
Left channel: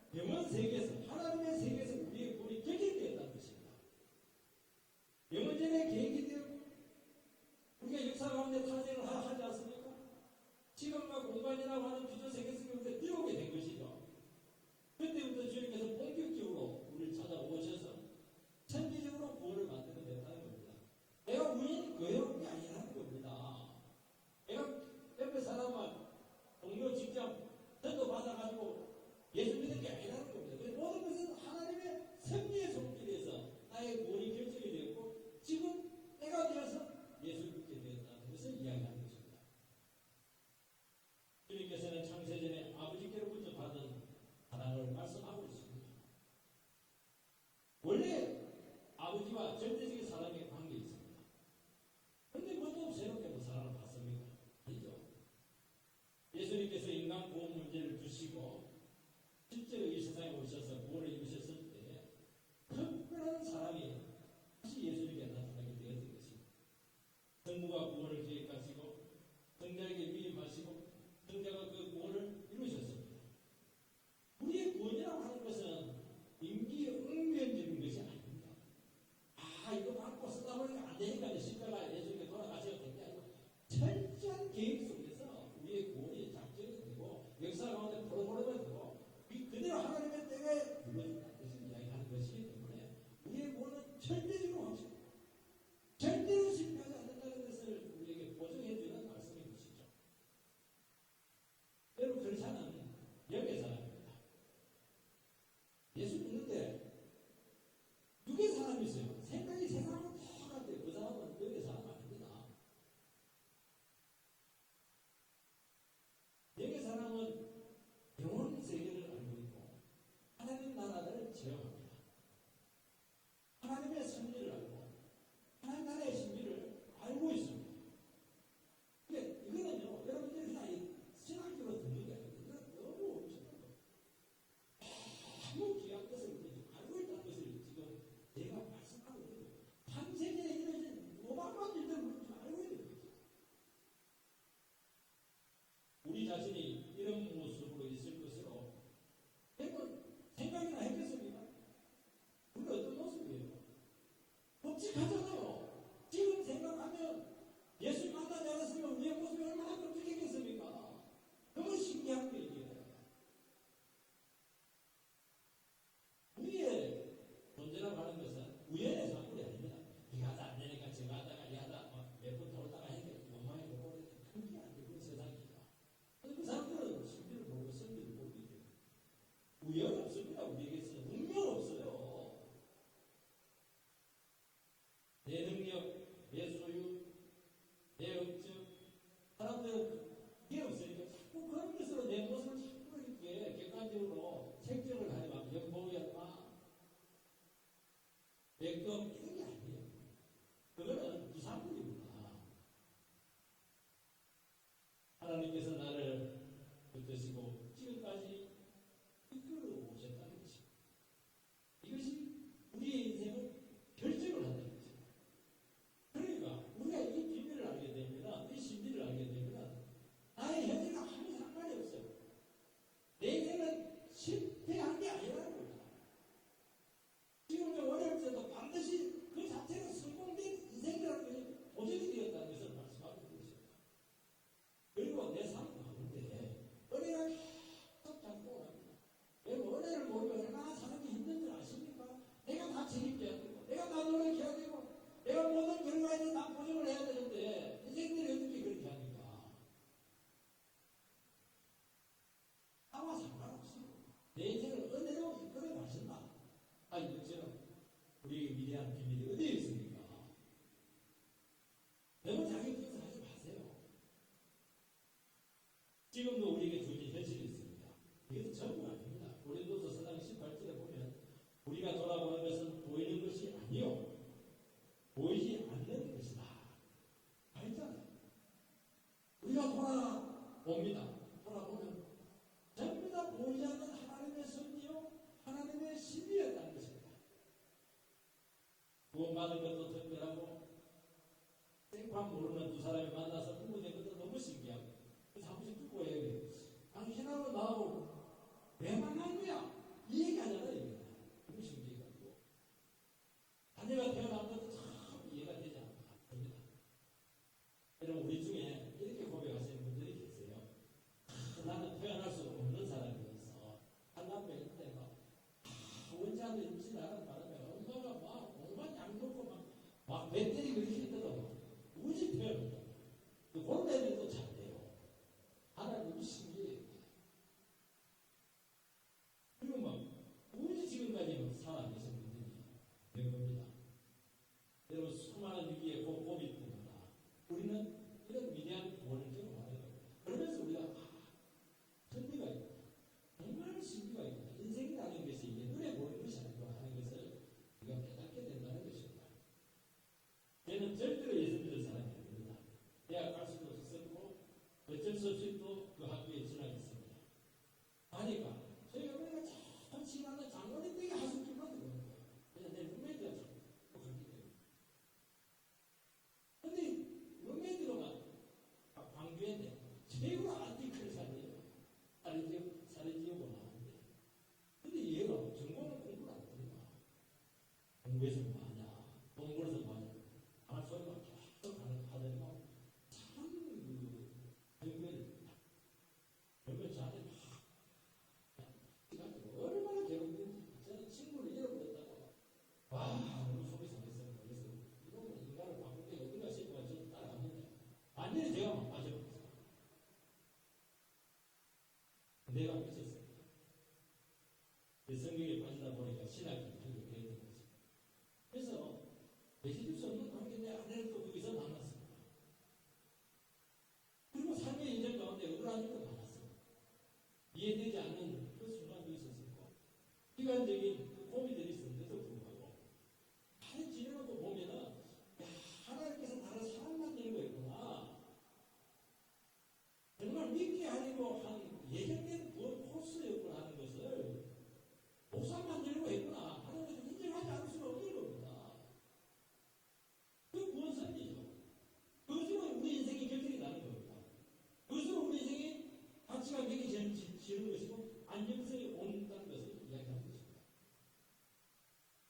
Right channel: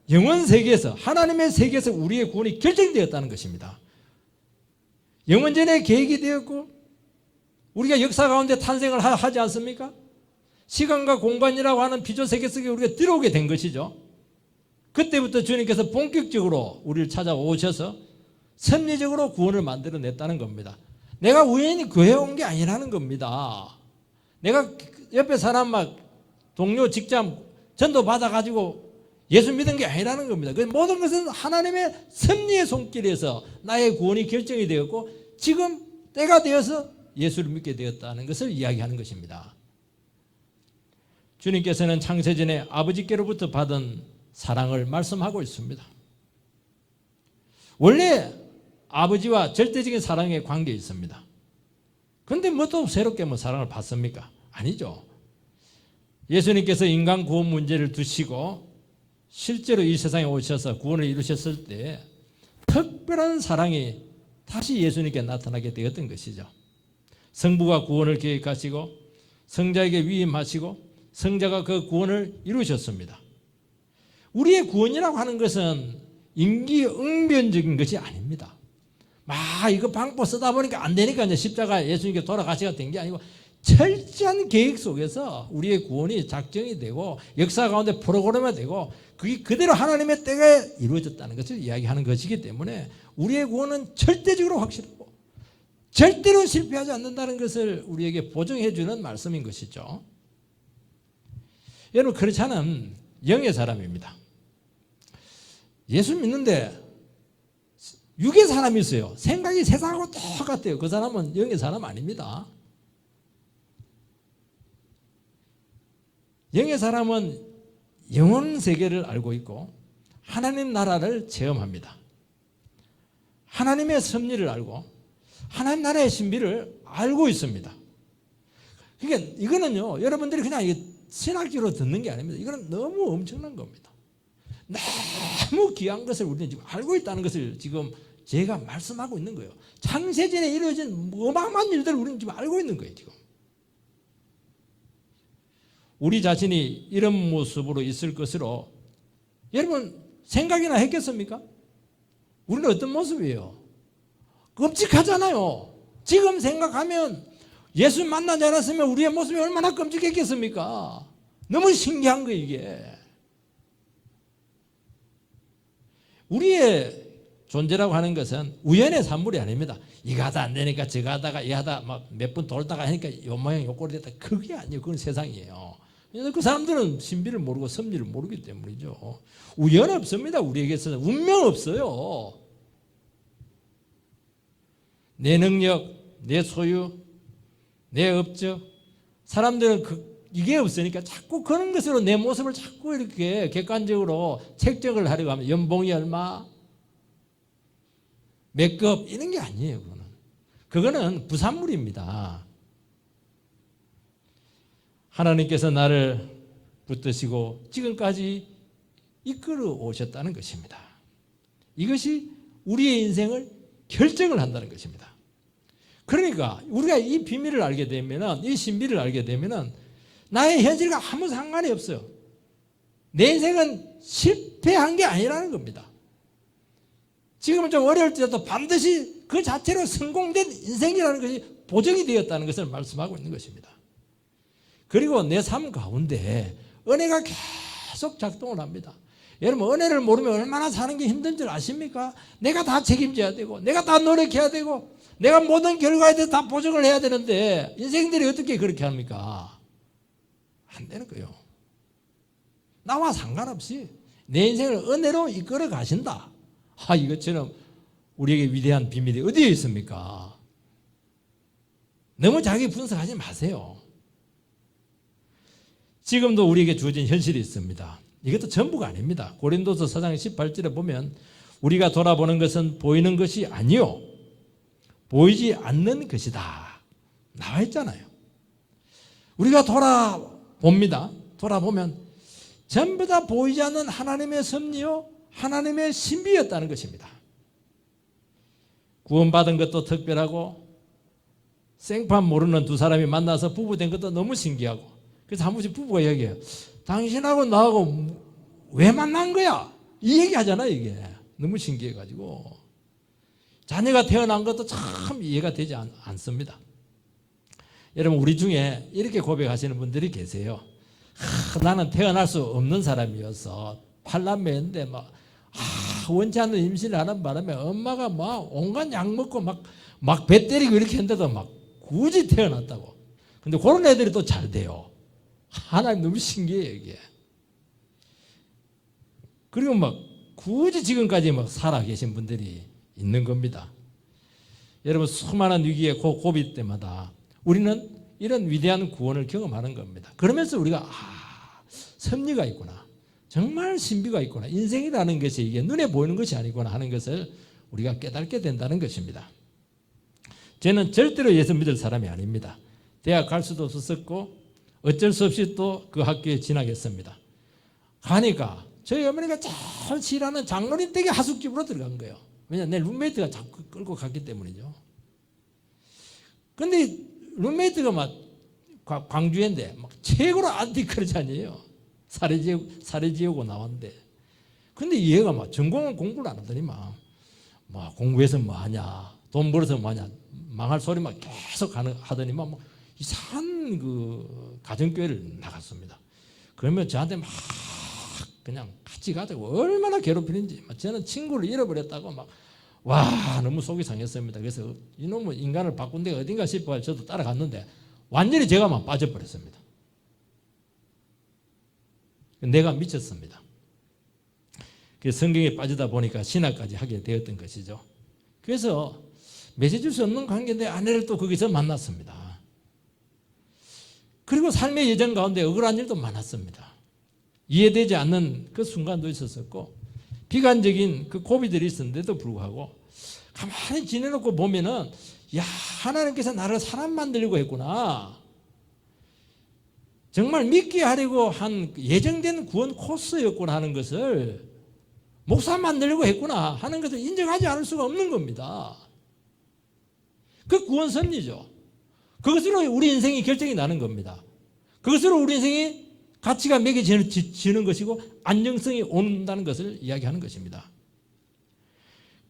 영원 세계에서 하나님의 세계에서 우리의 구원이 결정되었다는 것입니다. 영원전에 계획이 되었고 우리가 역사 가운데 탄생을 하지 않습니까? 시간과 공간이라고 하는 피조 세계 속에 우리가 들어오게 된 것이죠. 그때부터 주님께서 본격적으로 우리를 찾아오셔서 섭리적으로 구원을 만들어냈다는 겁니다. 내가 우연히 교회 온 게 아니라는 겁니다. 내가 옆에 사람 막 동료 직장 전도 받아가지고 예수 믿은 게 아니라는 겁니다. 그 모든 것은 하나님의 섭리의 손길에서 나의 구원이 결정이 되었고 지금 때가 되어서 예수를 믿게 되었다는 것을 이야기하는 것입니다. 주님께서는 창세전에 아버지께로부터 받은 사랑을 말씀하고 있습니다. 원래 아버지와 절대적인 사랑의 관계에 있습니다. 그런데 뭐 또 새롭게 뭐 사랑을 받습니까? 아니죠. 예수님께서 인간 구원 문제를 두시고 실제로 이 세상에 오셔서 구원을 이루셨을 때 특별한 사랑이 다시 예수님께 나타나게 되었던 것이죠. 성부가 구원을 계획하시고 성자에게 위임하시고 성자가 그 구원을 이루셨습니다. 우리의 구원이라고 하는 것은 임기응변적인 것이 아닙니다. 이거 방법 쓰다 보니까 안 되니까 이제 십자가 예수님께 돌아가시가 된 게 아니고 철저한 계획 속에서 우리의 구원이 작정이 되고 역사 가운데 프로그램이 되고 그게 그대로 하나님의 때가 이루어졌다는 것을 이야기하는 것이기 때문에 우리의 구원은 절대적으로 확실하고 절대로 실패하지 않는다는 것을 우리에게 보증해 주는 말씀인 것이죠. 여러분, 그렇지 않은 영의 사람입니다. 예수 믿는데 육의 사람이 있어요. 생각이 세상하고 똑같아요. 그 사람은 영의 사람 아닙니다. 영의 사람은 영혼 세계를 알고 있고 하나님 나라를 체험합니다. 하나님의 섭리를 알고 하나님 나라의 신비를 알고 있습니다. 그러니까 이거는요, 여러분들이 그냥 신학적으로 듣는 게 아닙니다. 이거는 너무 엄청난 겁니다. 너무 귀한 것을 우리는 지금 알고 있다는 것을 지금 제가 말씀하고 있는 거예요. 창세전에 이루어진 어마어마한 일들을 우리는 지금 알고 있는 거예요. 지금 우리 자신이 이런 모습으로 있을 것으로 여러분 생각이나 했겠습니까? 우리는 어떤 모습이에요? 끔찍하잖아요. 지금 생각하면 예수 만나지 않았으면 우리의 모습이 얼마나 끔찍했겠습니까? 너무 신기한 거예요. 이게 우리의 존재라고 하는 것은 우연의 산물이 아닙니다. 이거 하다 안 되니까 저거 하다가 이 하다 막 몇 번 돌다가 하니까 요 모양 요 꼴이 됐다. 그게 아니에요. 그건 세상이에요. 그 사람들은 신비를 모르고 섭리를 모르기 때문이죠. 우연 없습니다. 우리에게서는 운명 없어요. 내 능력, 내 소유, 내 업적, 사람들은 이게 없으니까 자꾸 그런 것으로 내 모습을 자꾸 이렇게 객관적으로 책정을 하려고 하면 연봉이 얼마, 몇 급 이런 게 아니에요. 그거는 부산물입니다. 하나님께서 나를 붙드시고 지금까지 이끌어 오셨다는 것입니다. 이것이 우리의 인생을 결정을 한다는 것입니다. 그러니까 우리가 이 비밀을 알게 되면, 이 신비를 알게 되면 나의 현실과 아무 상관이 없어요. 내 인생은 실패한 게 아니라는 겁니다. 지금은 좀 어려울지라도 반드시 그 자체로 성공된 인생이라는 것이 보정이 되었다는 것을 말씀하고 있는 것입니다. 그리고 내 삶 가운데 은혜가 계속 작동을 합니다. 여러분, 은혜를 모르면 얼마나 사는 게 힘든 줄 아십니까? 내가 다 책임져야 되고 내가 다 노력해야 되고 내가 모든 결과에 대해서 다 보정을 해야 되는데 인생들이 어떻게 그렇게 합니까? 안 되는 거예요. 나와 상관없이 내 인생을 은혜로 이끌어 가신다. 이것처럼 우리에게 위대한 비밀이 어디에 있습니까? 너무 자기 분석하지 마세요. 지금도 우리에게 주어진 현실이 있습니다. 이것도 전부가 아닙니다. 고린도서 4장 18절에 보면 우리가 돌아보는 것은 보이는 것이 아니요 보이지 않는 것이다 나와 있잖아요. 우리가 돌아봅니다. 돌아보면 전부 다 보이지 않는 하나님의 섭리요 하나님의 신비였다는 것입니다. 구원받은 것도 특별하고 생판 모르는 두 사람이 만나서 부부된 것도 너무 신기하고, 그래서 한 번씩 부부가 얘기해요. 당신하고 나하고 왜 만난 거야? 이 얘기 하잖아요. 이게 너무 신기해가지고 자녀가 태어난 것도 참 이해가 되지 않습니다. 여러분, 우리 중에 이렇게 고백하시는 분들이 계세요. 나는 태어날 수 없는 사람이어서 팔남매인데 원치 않는 임신을 하는 바람에 엄마가 막 온갖 약 먹고 막 막 배 때리고 이렇게 했는데도 막 굳이 태어났다고. 근데 그런 애들이 또 잘 돼요. 하나님 너무 신기해요, 이게. 그리고 막 굳이 지금까지 막 살아 계신 분들이 있는 겁니다. 여러분, 수많은 위기의 고비 때마다 우리는 이런 위대한 구원을 경험하는 겁니다. 그러면서 우리가 섭리가 있구나, 정말 신비가 있구나, 인생이라는 것이 이게 눈에 보이는 것이 아니구나 하는 것을 우리가 깨닫게 된다는 것입니다. 저는 절대로 예수 믿을 사람이 아닙니다. 대학 갈 수도 없었고 어쩔 수 없이 또 그 학교에 진학했습니다. 가니까 저희 어머니가 잘 지라는 장로님 댁에 하숙집으로 들어간 거예요. 왜냐, 내 룸메이트가 자꾸 끌고 갔기 때문이죠. 근데 룸메이트가 막 광주인데 막 최고로 안티크리스찬이에요. 사례 지우고 나왔는데. 근데 얘가 막 전공은 공부를 안 하더니 막 공부해서 뭐 하냐, 돈 벌어서 뭐 하냐, 망할 소리만 계속 하더니 막 이상한 그 가정교회를 나갔습니다. 그러면 저한테 막 그냥 같이 가자고 얼마나 괴롭히는지, 저는 친구를 잃어버렸다고 와, 너무 속이 상했습니다. 그래서 이놈은 인간을 바꾼 데가 어딘가 싶어 저도 따라갔는데 완전히 제가 막 빠져버렸습니다. 내가 미쳤습니다. 그래서 성경에 빠지다 보니까 신학까지 하게 되었던 것이죠. 그래서 맺어줄 수 없는 관계인데 아내를 또 거기서 만났습니다. 그리고 삶의 여정 가운데 억울한 일도 많았습니다. 이해되지 않는 그 순간도 있었었고 비관적인 그 고비들이 있었는데도 불구하고 가만히 지내놓고 보면은, 야, 하나님께서 나를 사람 만들려고 했구나, 정말 믿게 하려고 한 예정된 구원 코스였구나 하는 것을, 목사 만들려고 했구나 하는 것을 인정하지 않을 수가 없는 겁니다. 그 구원 섭리죠. 그것으로 우리 인생이 결정이 나는 겁니다. 그것으로 우리 인생이 가치가 매겨지는 것이고 안정성이 온다는 것을 이야기하는 것입니다.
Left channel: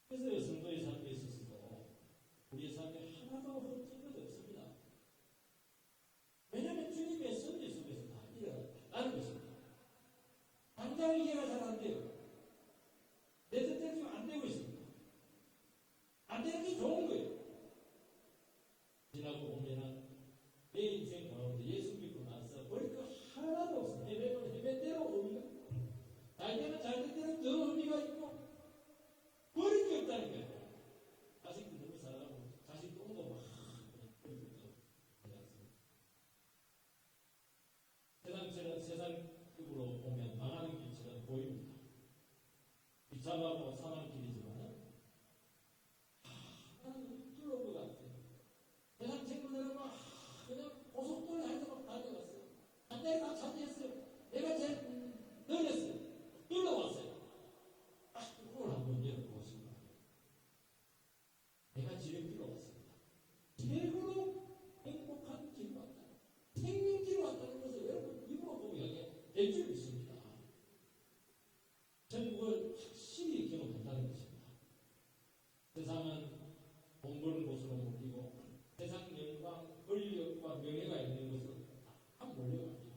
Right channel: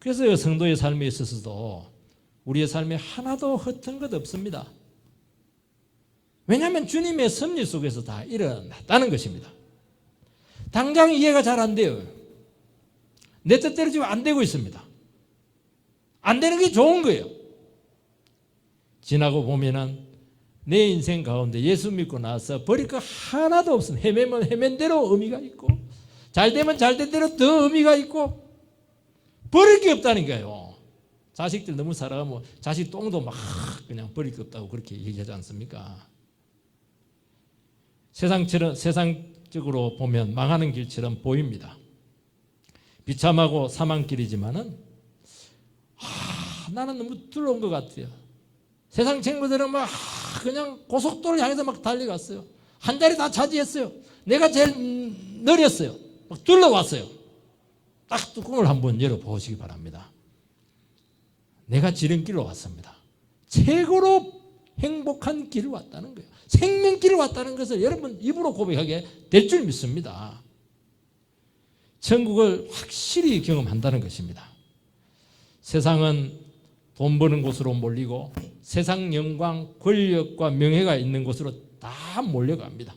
그래서 성도의 삶에 있어서도 우리의 삶에 하나도 허튼 것 없습니다. 왜냐하면 주님의 섭리 속에서 다 일어났다는 것입니다. 당장 이해가 잘 안 돼요. 내 뜻대로 지금 안 되고 있습니다. 안 되는 게 좋은 거예요. 지나고 보면은 내 인생 가운데 예수 믿고 나서 버릴 거 하나도 없습니다. 헤매면 헤맨 대로 의미가 있고, 잘 되면 잘 된 대로 더 의미가 있고, 버릴 게 없다니까요. 자식들 너무 사랑하면 자식 똥도 막 그냥 버릴 게 없다고 그렇게 얘기하지 않습니까? 세상적으로 보면 망하는 길처럼 보입니다. 비참하고 사망길이지만은 나는 너무 두려운 것 같아요. 세상 친구들은 그냥 고속도로를 향해서 달려갔어요. 한 자리 다 차지했어요. 내가 제일 느렸어요. 둘러왔어요. 딱 뚜껑을 한번 열어보시기 바랍니다. 내가 지름길로 왔습니다. 최고로 행복한 길을 왔다는 거예요. 생명길을 왔다는 것을 여러분 입으로 고백하게 될 줄 믿습니다. 천국을 확실히 경험한다는 것입니다. 세상은 돈 버는 곳으로 몰리고 세상 영광, 권력과 명예가 있는 곳으로 다 몰려갑니다.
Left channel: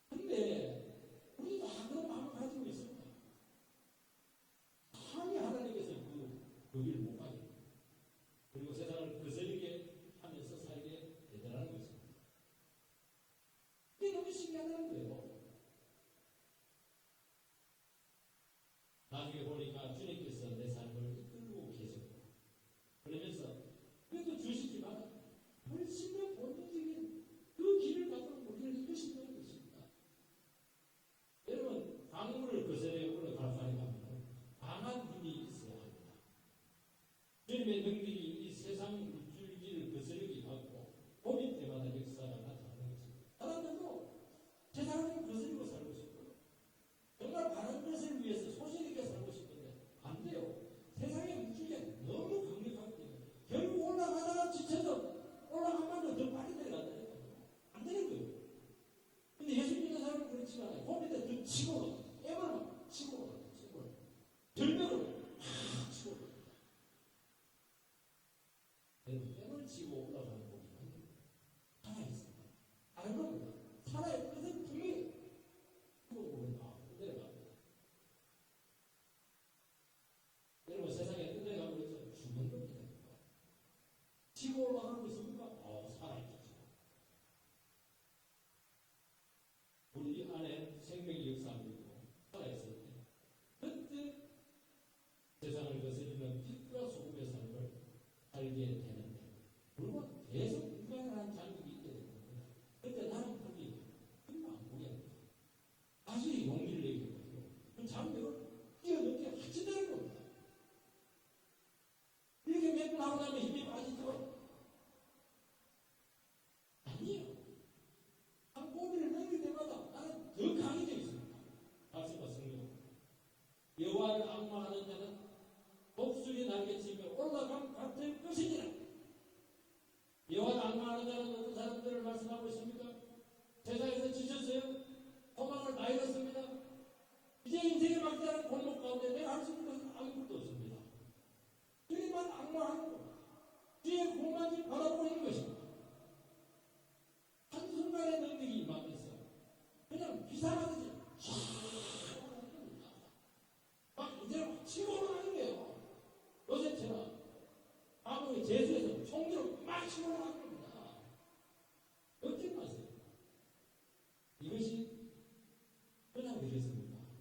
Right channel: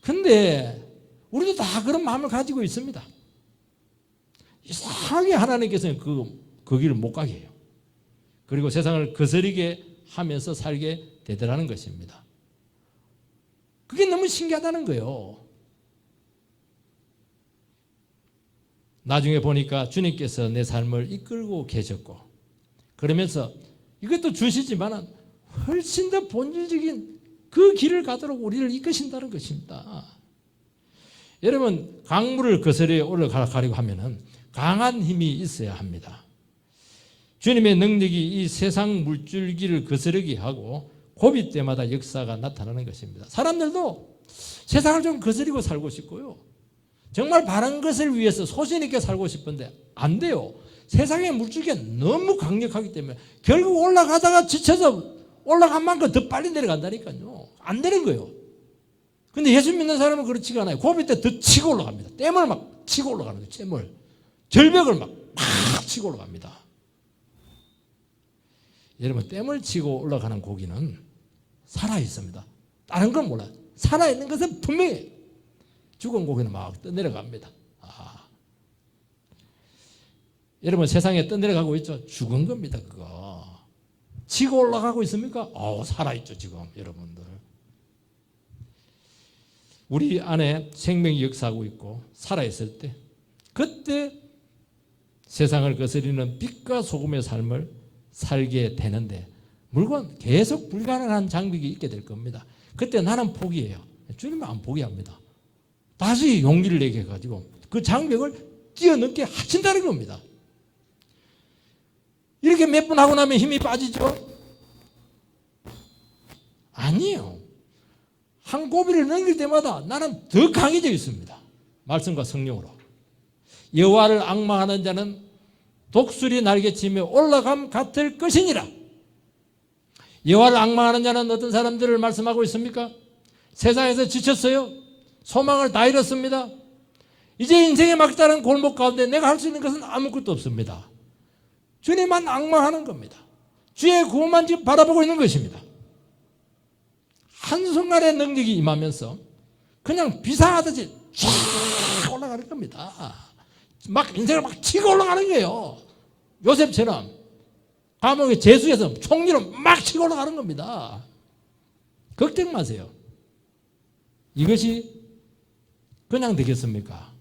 그런데 우리도 다 그런 마음을 가지고 있습니다. 이상하게 하나님께서는 그 길을 못 가게 해요. 그리고 세상을 거스르게 하면서 살게 되더라는 것입니다. 그게 너무 신기하다는 거예요. 나중에 보니까 주님께서 내 삶을 이끌고 계셨고, 그러면서 이것도 주시지만 훨씬 더 본질적인 그 길을 가도록 우리를 이끄신다는 것입니다. 여러분, 강물을 거스려 올라가려고 하면은 강한 힘이 있어야 합니다. 주님의 능력이 이 세상 물줄기를 거스르게 하고 고비 때마다 역사가 나타나는 것입니다. 사람들도 세상을 좀 거스리고 살고 싶고요, 정말 바른 것을 위해서 소신 있게 살고 싶은데 안 돼요. 세상의 물줄기가 너무 강력하기 때문에 결국 올라가다가 지쳐서 올라간 만큼 더 빨리 내려간다니까요. 안 되는 거예요. 근데 예수 믿는 사람은 그렇지가 않아요. 고비 때 더 치고 올라갑니다. 댐을 막 치고 올라가는 거예요. 댐을. 절벽을 막 치고 올라갑니다. 여러분, 댐을 치고 올라가는 고기는 살아있습니다. 다른 건 몰라요. 살아있는 것은 분명히 죽은 고기는 막 떠내려갑니다. 여러분, 세상에 떠내려가고 있죠. 죽은 겁니다. 그거 치고 올라가고 있습니까? 살아있죠 지금 여러분들. 우리 안에 생명이 역사하고 있고 살아있을 때 그때 세상을 거스리는 빛과 소금의 삶을 살게 되는데 물론 계속 불가능한 장벽이 있게 될 겁니다. 그때 나는 포기해요. 주님은 안 포기합니다. 다시 용기를 내게 해가지고 그 장벽을 뛰어넘게 하신다는 겁니다. 이렇게 몇 번 하고 나면 힘이 빠지죠? 아니에요. 한 고비를 넘길 때마다 나는 더 강해져 있습니다. 말씀과 성령으로. 여호와를 앙망하는 자는 독수리 날개치며 올라감 같을 것이니라. 여호와를 앙망하는 자는 어떤 사람들을 말씀하고 있습니까? 세상에서 지쳤어요. 소망을 다 잃었습니다. 이제 인생의 막다른 골목 가운데 내가 할 수 있는 것은 아무것도 없습니다. 주님만 앙망하는 겁니다. 주의 구원만 지금 바라보고 있는 것입니다. 한순간에 능력이 임하면서 그냥 비상하듯이 쫙 올라가는 겁니다. 막 인생을 막 치고 올라가는 거예요. 요셉처럼 감옥의 재수에서 총리로 막 치고 올라가는 겁니다. 걱정 마세요. 이것이 그냥 되겠습니까?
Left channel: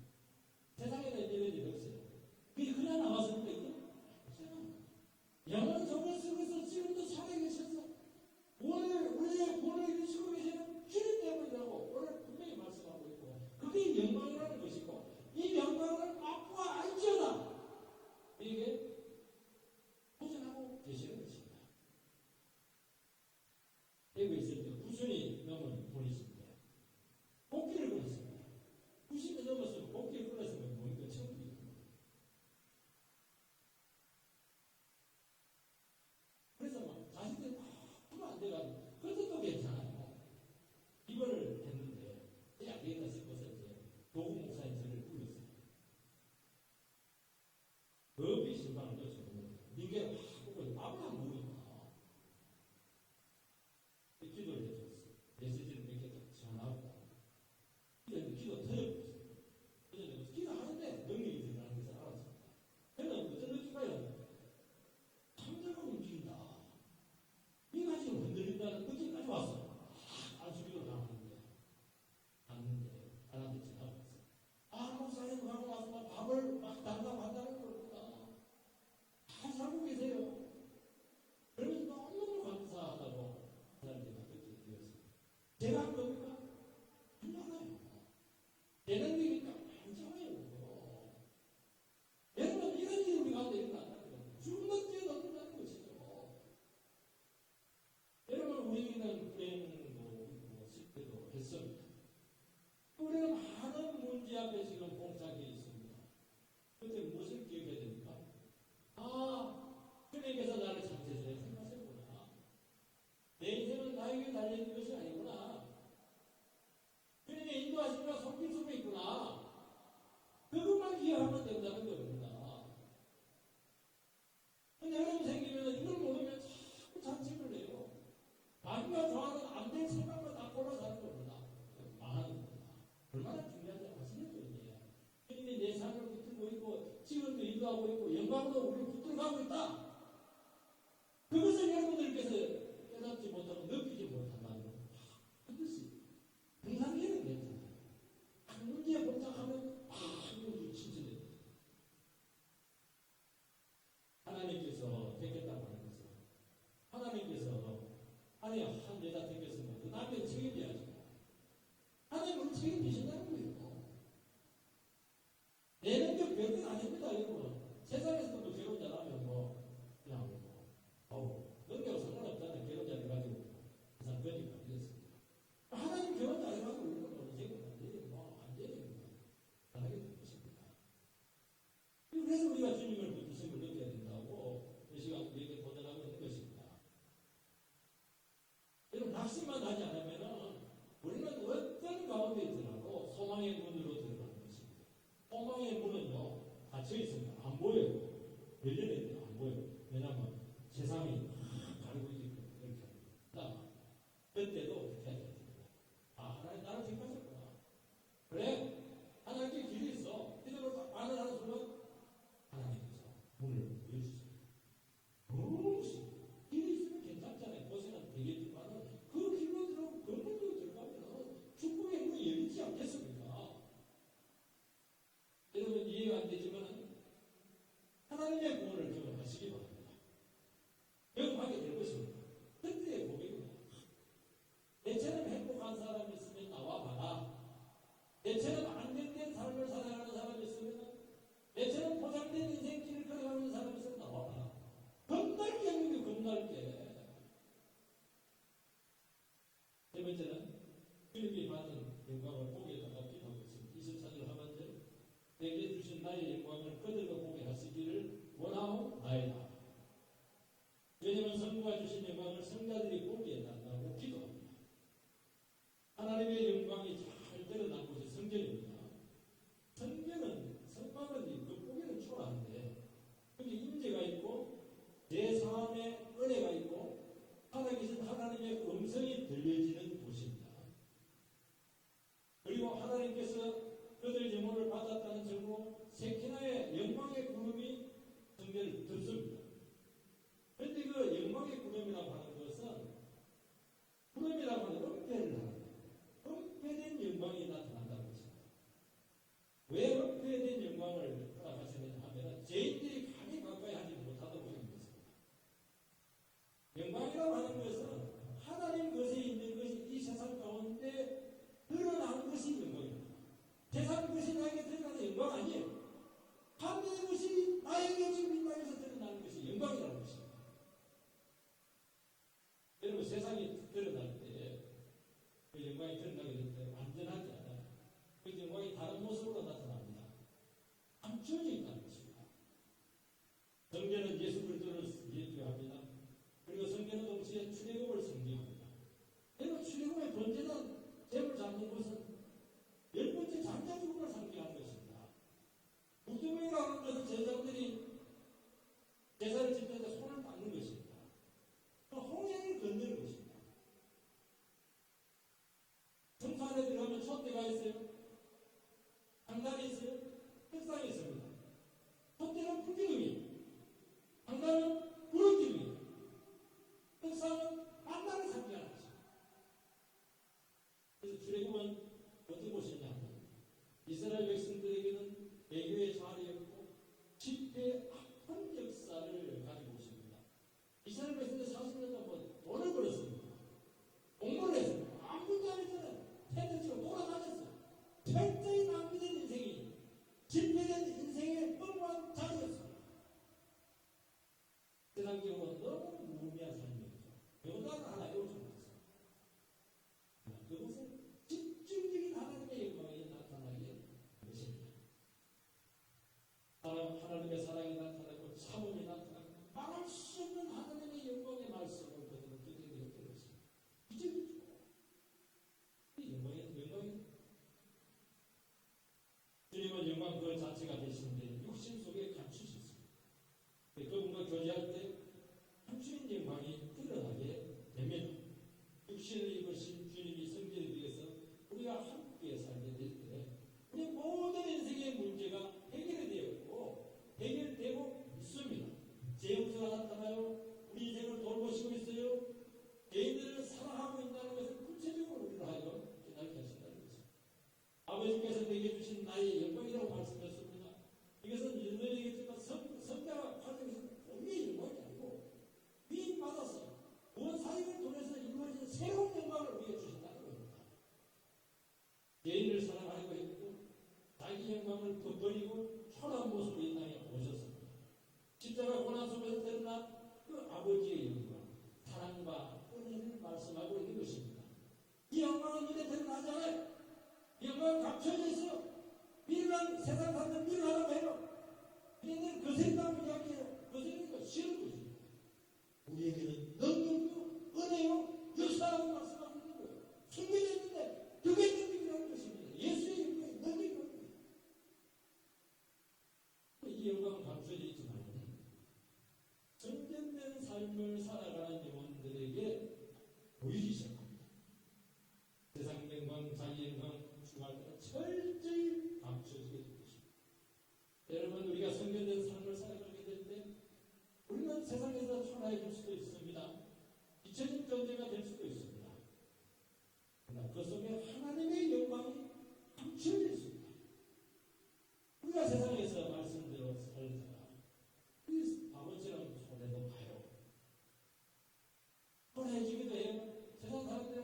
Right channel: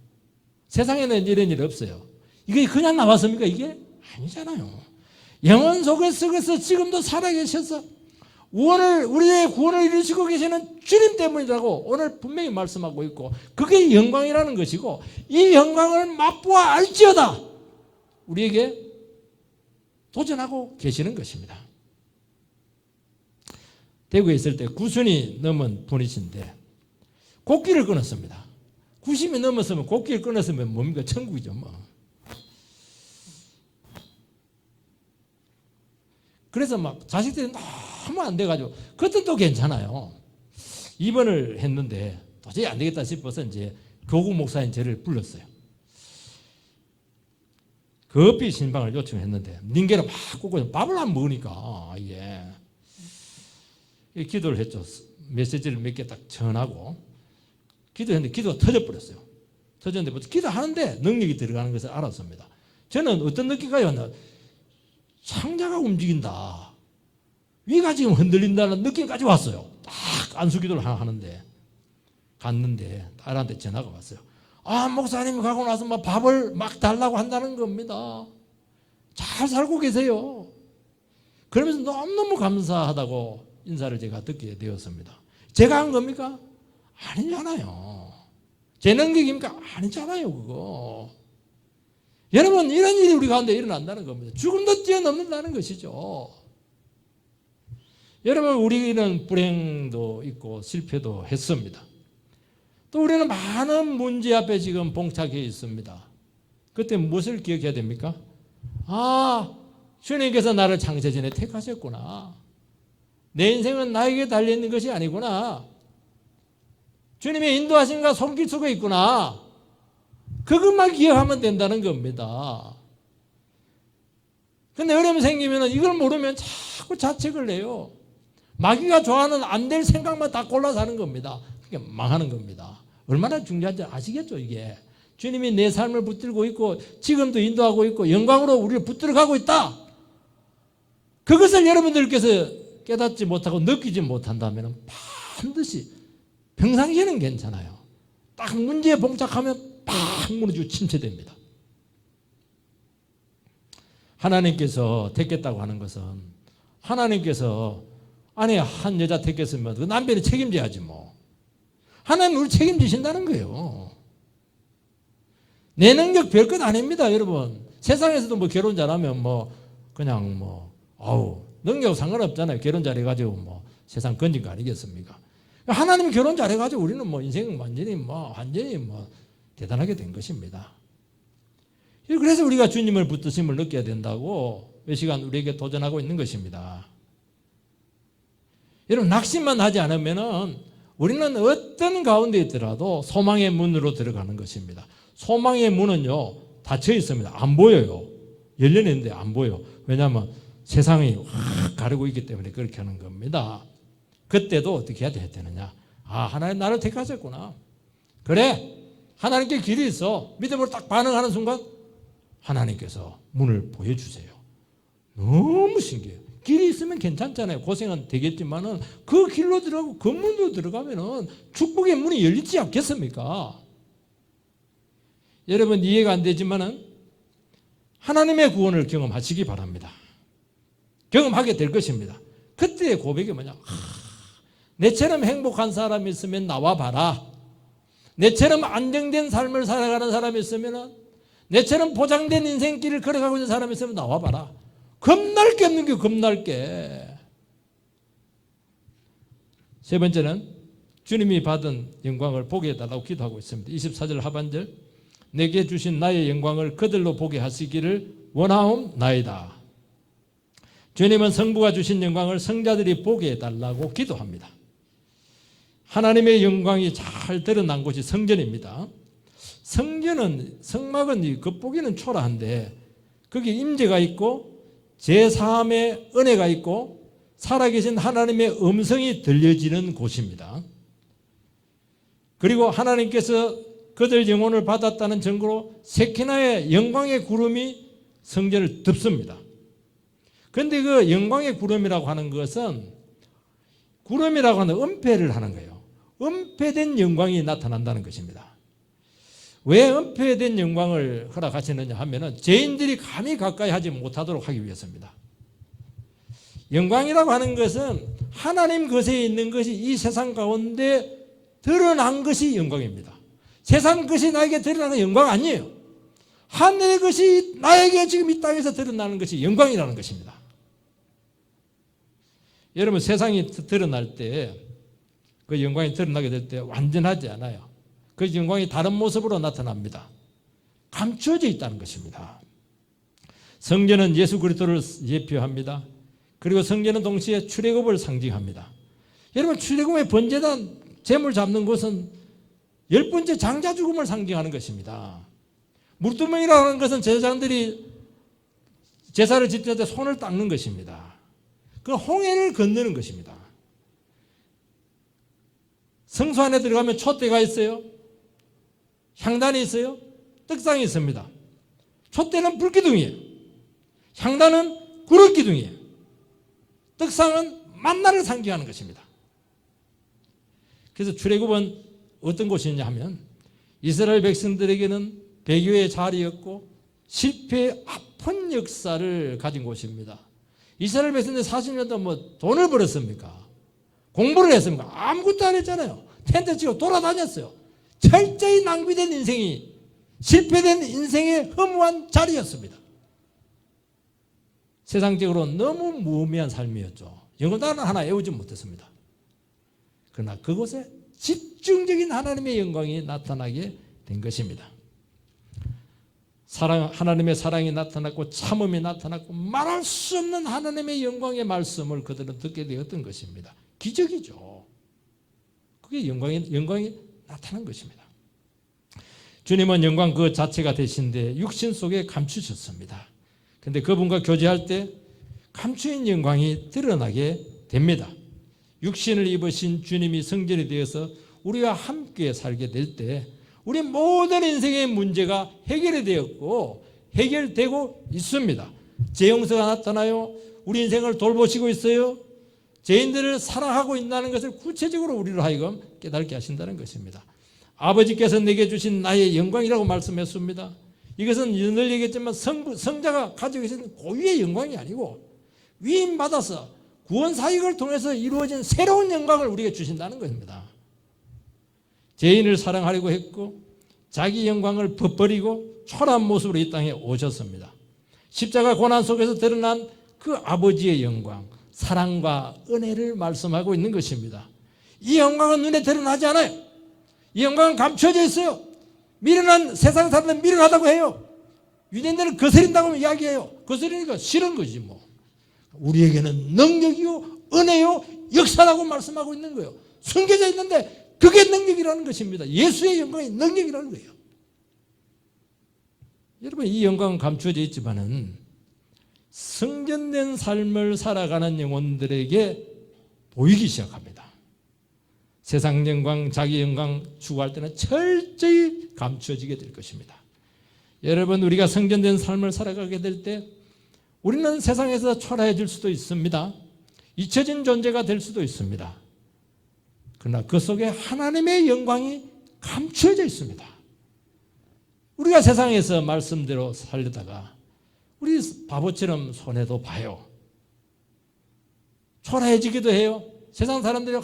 세상에는 이런 일 없어요. 이게 그냥 나왔습니까? 이게 아니잖아요. 영혼 속에서 지금도 살아계셔서 우리의 구원을 이루시고 계시는 주님 때문이라고 오늘 분명히 말씀하고 있고 그게 영광이라는 것이고 이 영광을 맛보아 알지어다 우리에게 도전하고 계시는 것입니다. 대구에 있을 때 90이 넘은 분이신데 곡기를 끊었습니다. 90이 넘었으면 곡기를 끊었으면 뭡니까? 천국이죠 뭐. 그래서 막 자식들이 너무 안 돼가지고 그것도 괜찮아요. 입원을 했는데 도저히 안 되겠다 싶어서 이제 교구 목사인 저를 불렀어요. 급히 신방을 요청했는데 닌게를 막 꽂고 밥을 안 먹으니까 이게 기도를 했죠. 메시지를 몇 개 딱 전하고 기도했는데 기도가 터져버렸어요. 터졌는데 기도하는데 능력이 들어가는 것을 알았습니다. 저는 어떤 느낌인가요? 창자가 움직인다. 위가 지금 흔들린다는 느낌까지 왔어요. 딱 안수기도를 하는데 갔는데 딸한테 전화가 왔어요. 목사님이 가고 나서 막 밥을 막 달라고 한다는 겁니다. 잘 살고 계세요. 그러면서 너무너무 감사하다고 인사를 제가 듣게 되었습니다. 제가 한 겁니까? 아니잖아요. 제 능력입니까? 아니잖아요 그거. 여러분 이런 일이 우리 가운데 일어난다는 겁니다. 죽음도 뛰어넘는다는 것이죠. 여러분 우리는 불행도 있고 실패도 했습니다. 또 우리는 많은 문제 앞에 지금 봉착해 있습니다. 그때 무엇을 기억해야 됩니까? 주님께서 나를 창세전에 택하셨구나. 내 인생은 나에게 달려있는 것이 아니구나. 주님의 인도하심과 손길 속에 있구나. 그것만 기억하면 된다는 겁니다. 근데 어려움이 생기면 이걸 모르면 자꾸 자책을 해요. 마귀가 좋아하는 안 될 생각만 다 골라 사는 겁니다. 그게 망하는 겁니다. 얼마나 중요한지 아시겠죠 이게. 주님이 내 삶을 붙들고 있고 지금도 인도하고 있고 영광으로 우리를 붙들어가고 있다. 그것을 여러분들께서 깨닫지 못하고 느끼지 못한다면 반드시 평상시에는 괜찮아요. 딱 문제에 봉착하면 팍 무너지고 침체됩니다. 하나님께서 택했다고 하는 것은 하나님께서 아내 한 여자 택했으면 그 남편이 책임져야지 뭐. 하나님 우리 책임지신다는 거예요. 내 능력 별것 아닙니다 여러분. 세상에서도 뭐 결혼 잘하면 뭐 그냥 뭐 능력 상관없잖아요. 결혼 잘해가지고 뭐 세상 건진 거 아니겠습니까? 하나님 결혼 잘해가지고 우리는 뭐 인생 완전히 대단하게 된 것입니다. 그래서 우리가 주님을 붙드심을 느껴야 된다고 몇 시간 우리에게 도전하고 있는 것입니다. 여러분 낙심만 하지 않으면은 우리는 어떤 가운데 있더라도 소망의 문으로 들어가는 것입니다. 소망의 문은요 닫혀 있습니다. 안 보여요. 열려있는데 안 보여. 왜냐하면 세상이 확 가리고 있기 때문에 그렇게 하는 겁니다. 그때도 어떻게 해야 되느냐? 하나님 나를 택하셨구나. 그래 하나님께 길이 있어. 믿음으로 딱 반응하는 순간 하나님께서 문을 보여주세요. 너무 신기해요. 길이 있으면 괜찮잖아요. 고생은 되겠지만은 그 길로 들어가고 건물로 들어가면은 축복의 문이 열리지 않겠습니까? 여러분 이해가 안 되지만은 하나님의 구원을 경험하시기 바랍니다. 경험하게 될 것입니다. 그때의 고백이 뭐냐? 내처럼 행복한 사람이 있으면 나와 봐라. 내처럼 안정된 삶을 살아가는 사람이 있으면, 내처럼 보장된 인생길을 걸어가고 있는 사람이 있으면 나와 봐라. 겁날 게 없는 게 겁날 게. 세 번째는 주님이 받은 영광을 보게 해달라고 기도하고 있습니다. 24절 하반절, 내게 주신 나의 영광을 그들로 보게 하시기를 원하옵나이다. 주님은 성부가 주신 영광을 성자들이 보게 해달라고 기도합니다. 하나님의 영광이 잘 드러난 곳이 성전입니다. 성전은, 성막은 겉보기는 초라한데 거기 임재가 있고 제3의 은혜가 있고 살아계신 하나님의 음성이 들려지는 곳입니다. 그리고 하나님께서 그들 영혼을 받았다는 증거로 세키나의 영광의 구름이 성전을 덮습니다. 그런데 그 영광의 구름이라고 하는 것은, 구름이라고 하는 은폐를 하는 거예요. 은폐된 영광이 나타난다는 것입니다. 왜 은폐된 영광을 허락하시느냐 하면은 죄인들이 감히 가까이 하지 못하도록 하기 위해서입니다. 영광이라고 하는 것은 하나님 것에 있는 것이 이 세상 가운데 드러난 것이 영광입니다. 세상 것이 나에게 드러나는 영광 아니에요. 하늘의 것이 나에게 지금 이 땅에서 드러나는 것이 영광이라는 것입니다. 여러분 세상이 드러날 때, 그 영광이 드러나게 될 때 완전하지 않아요. 그 영광이 다른 모습으로 나타납니다. 감추어져 있다는 것입니다. 성전은 예수 그리스도를 예표합니다. 그리고 성전은 동시에 출애굽을 상징합니다. 여러분 출애굽의 번제단 제물 잡는 것은 10번째 장자 죽음을 상징하는 것입니다. 물두멍이라고 하는 것은 제사장들이 제사를 지킬 때 손을 닦는 것입니다. 그 홍해를 건너는 것입니다. 성소 안에 들어가면 촛대가 있어요. 향단이 있어요. 떡상이 있습니다. 촛대는 불기둥이에요. 향단은 구름기둥이에요. 떡상은 만나를 상징하는 것입니다. 그래서 출애굽은 어떤 곳이냐 하면 이스라엘 백성들에게는 배교의 자리였고 실패의 아픈 역사를 가진 곳입니다. 이스라엘 백성들 40년 동안 뭐 돈을 벌었습니까? 공부를 했습니까? 아무것도 안 했잖아요. 텐트 치고 돌아다녔어요. 철저히 낭비된 인생이, 실패된 인생의 허무한 자리였습니다. 세상적으로 너무 무의미한 삶이었죠. 영혼단 하나 애우지 못했습니다. 그러나 그곳에 집중적인 하나님의 영광이 나타나게 된 것입니다. 하나님의 사랑이 나타났고 참음이 나타났고 말할 수 없는 하나님의 영광의 말씀을 그들은 듣게 되었던 것입니다. 기적이죠. 그게 영광이 나타난 것입니다. 주님은 영광 그 자체가 되신데 육신 속에 감추셨습니다. 그런데 그분과 교제할 때 감추인 영광이 드러나게 됩니다. 육신을 입으신 주님이 성전이 되어서 우리와 함께 살게 될 때 우리 모든 인생의 문제가 해결이 되었고 해결되고 있습니다. 재용서가 나타나요. 우리 인생을 돌보시고 있어요. 죄인들을 사랑하고 있다는 것을 구체적으로 우리로 하여금 깨닫게 하신다는 것입니다. 아버지께서 내게 주신 나의 영광이라고 말씀했습니다. 이것은 늘 얘기했지만 성자가 가지고 계신 고유의 영광이 아니고 위임받아서 구원 사역을 통해서 이루어진 새로운 영광을 우리에게 주신다는 것입니다. 죄인을 사랑하려고 했고 자기 영광을 버리고 초라한 모습으로 이 땅에 오셨습니다. 십자가 고난 속에서 드러난 그 아버지의 영광, 사랑과 은혜를 말씀하고 있는 것입니다. 이 영광은 눈에 드러나지 않아요. 이 영광은 감춰져 있어요. 미련한 세상 사람들은 미련하다고 해요. 유대인들은 거스린다고 이야기해요. 거스리니까 싫은 거지 뭐. 우리에게는 능력이요 은혜요 역사라고 말씀하고 있는 거예요. 숨겨져 있는데 그게 능력이라는 것입니다. 예수의 영광이 능력이라는 거예요. 여러분 이 영광은 감추어져 있지만은 성전된 삶을 살아가는 영혼들에게 보이기 시작합니다. 세상 영광, 자기 영광 추구할 때는 철저히 감추어지게 될 것입니다. 여러분 우리가 성전된 삶을 살아가게 될 때 우리는 세상에서 초라해질 수도 있습니다. 잊혀진 존재가 될 수도 있습니다. 그러나 그 속에 하나님의 영광이 감춰져 있습니다. 우리가 세상에서 말씀대로 살려다가 우리 바보처럼 손해도 봐요. 초라해지기도 해요. 세상 사람들이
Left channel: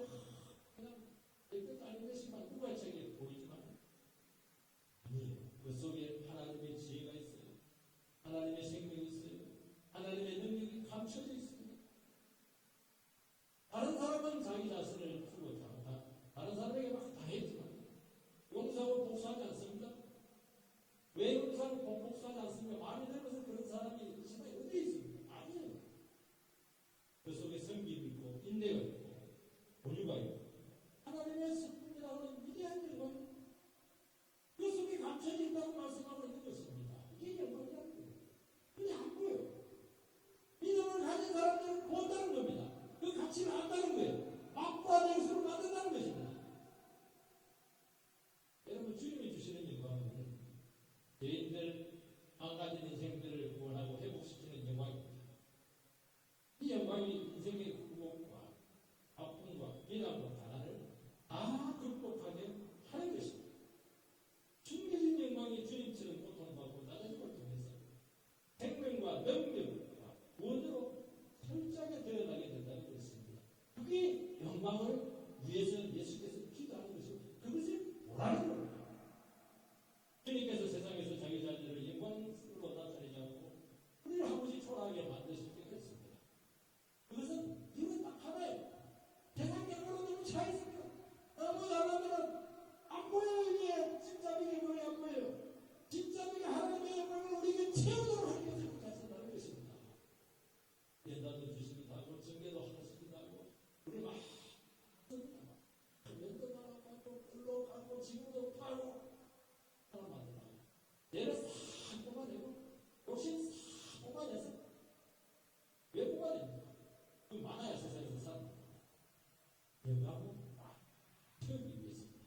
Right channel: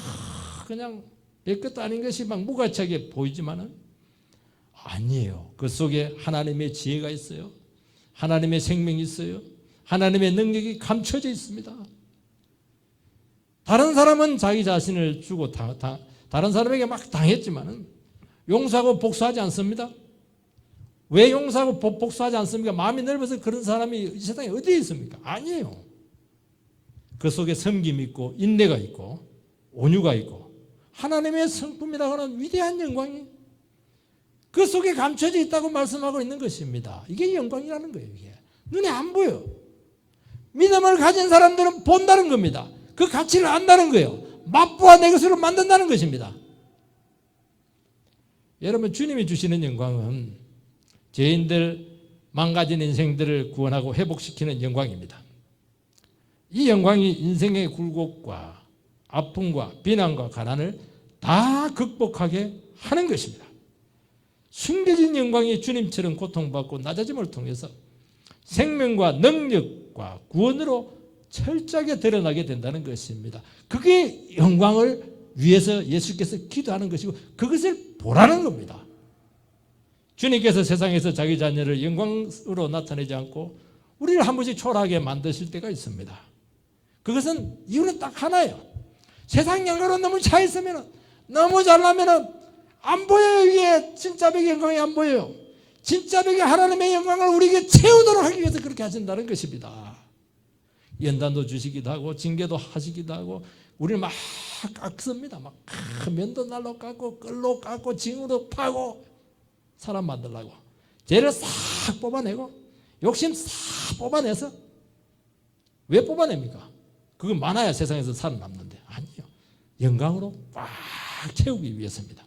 그냥 별것도 아닌 것이 막 무가치하게 보이지만은 아니에요. 그 속에 하나님의 지혜가 있어요. 하나님의 생명이 있어요. 하나님의 능력이 감춰져 있습니다. 다른 사람은 자기 자신을 주고 다른 사람에게 막 당했지만은 용서하고 복수하지 않습니다. 왜 용서하고 복수하지 않습니까? 마음이 넓어서 그런 사람이 이 세상에 어디에 있습니까? 아니에요. 그 속에 섬김이 있고 인내가 있고 온유가 있고 하나님의 성품이라고 하는 위대한 영광이 그 속에 감춰져 있다고 말씀하고 있는 것입니다. 이게 영광이라는 거예요. 이게. 눈에 안 보여. 믿음을 가진 사람들은 본다는 겁니다. 그 가치를 안다는 거예요. 맛보아 내 것으로 만든다는 것입니다. 여러분, 주님이 주시는 영광은 죄인들 망가진 인생들을 구원하고 회복시키는 영광입니다. 이 영광이 인생의 굴곡과 아픔과 비난과 가난을 다 극복하게 하는 것입니다. 숨겨진 영광이 주님처럼 고통받고 낮아짐을 통해서 생명과 능력과 구원으로 철저하게 드러나게 된다는 것입니다. 그게 영광을 위해서 예수께서 기도하는 것이고 그것을 보라는 겁니다. 주님께서 세상에서 자기 자녀를 영광으로 나타내지 않고 우리를 한 번씩 초라하게 만드실 때가 있습니다. 그것은 이유는 딱 하나예요. 세상 영광으로 너무 차 있으면 너무 잘나면 안 보여요. 이게 진짜 백의 영광이 안 보여요. 진짜 백의 하나님의 영광을 우리에게 채우도록 하기 위해서 그렇게 하신다는 것입니다. 연단도 주시기도 하고 징계도 하시기도 하고 우리를 막 깎습니다. 막 면도 날로 깎고 끌로 깎고 징으로 파고 사람 만들려고 죄를 싹 뽑아내고 욕심 싹 뽑아내서 왜 뽑아냅니까? 그거 많아야 세상에서 살아남는데 아니요. 영광으로 꽉 채우기 위해서입니다.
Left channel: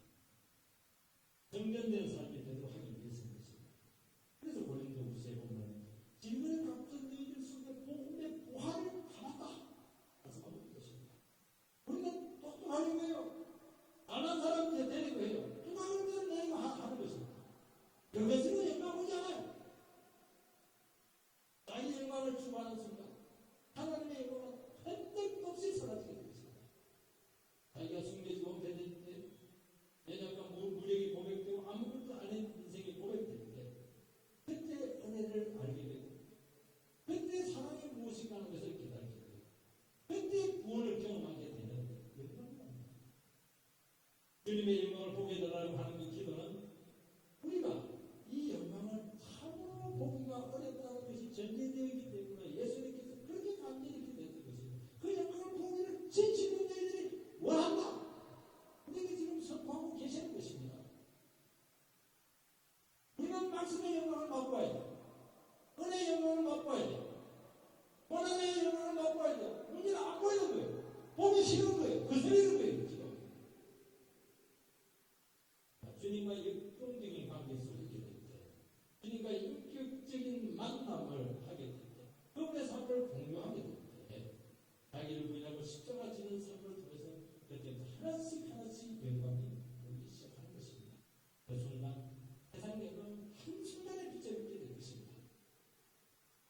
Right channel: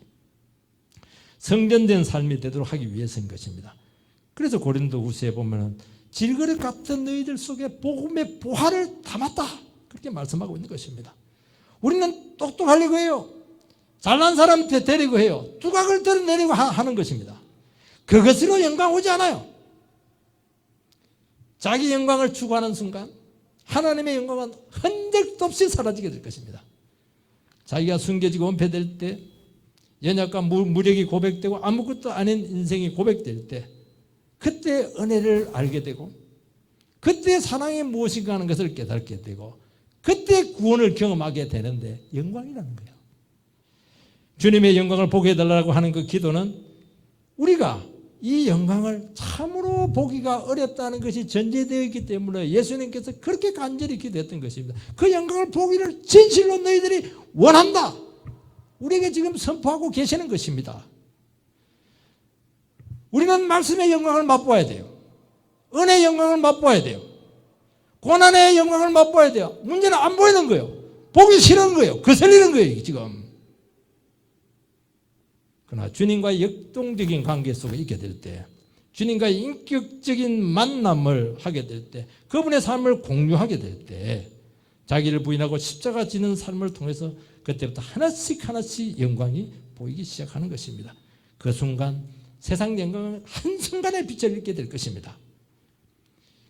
성전된 삶이 되도록 하기 위해서인 것입니다. 그래서 고린도후서에 보면은 질그릇 같은 너희들 속에 복음의 보화를 담았다 그렇게 말씀하고 있는 것입니다. 우리는 똑똑하려고 해요. 잘난 사람한테 데리고 해요. 두각을 드러내려고 하는 것입니다. 그것으로 영광 오지 않아요. 자기 영광을 추구하는 순간 하나님의 영광은 흔적도 없이 사라지게 될 것입니다. 자기가 숨겨지고 은폐될 때 연약과 무력이 고백되고 아무것도 아닌 인생이 고백될 때 그때 은혜를 알게 되고 그때 사랑이 무엇인가 하는 것을 깨닫게 되고 그때 구원을 경험하게 되는데 영광이라는 거예요. 주님의 영광을 보게 해달라고 하는 그 기도는 우리가 이 영광을 참으로 보기가 어렵다는 것이 전제되어 있기 때문에 예수님께서 그렇게 간절히 기도했던 것입니다. 그 영광을 보기를 진실로 너희들이 원한다. 우리에게 지금 선포하고 계시는 것입니다. 우리는 말씀의 영광을 맛보아야 돼요. 은혜의 영광을 맛보아야 돼요. 고난의 영광을 맛보아야 돼요. 문제는 안 보이는 거예요. 보기 싫은 거예요. 거슬리는 거예요 지금. 그러나 주님과의 역동적인 관계 속에 있게 될 때 주님과의 인격적인 만남을 하게 될 때 그분의 삶을 공유하게 될 때 자기를 부인하고 십자가 지는 삶을 통해서 그때부터 하나씩 하나씩 영광이 보이기 시작하는 것입니다. 그 순간 세상 영광은 한순간에 빛을 잃게 될 것입니다.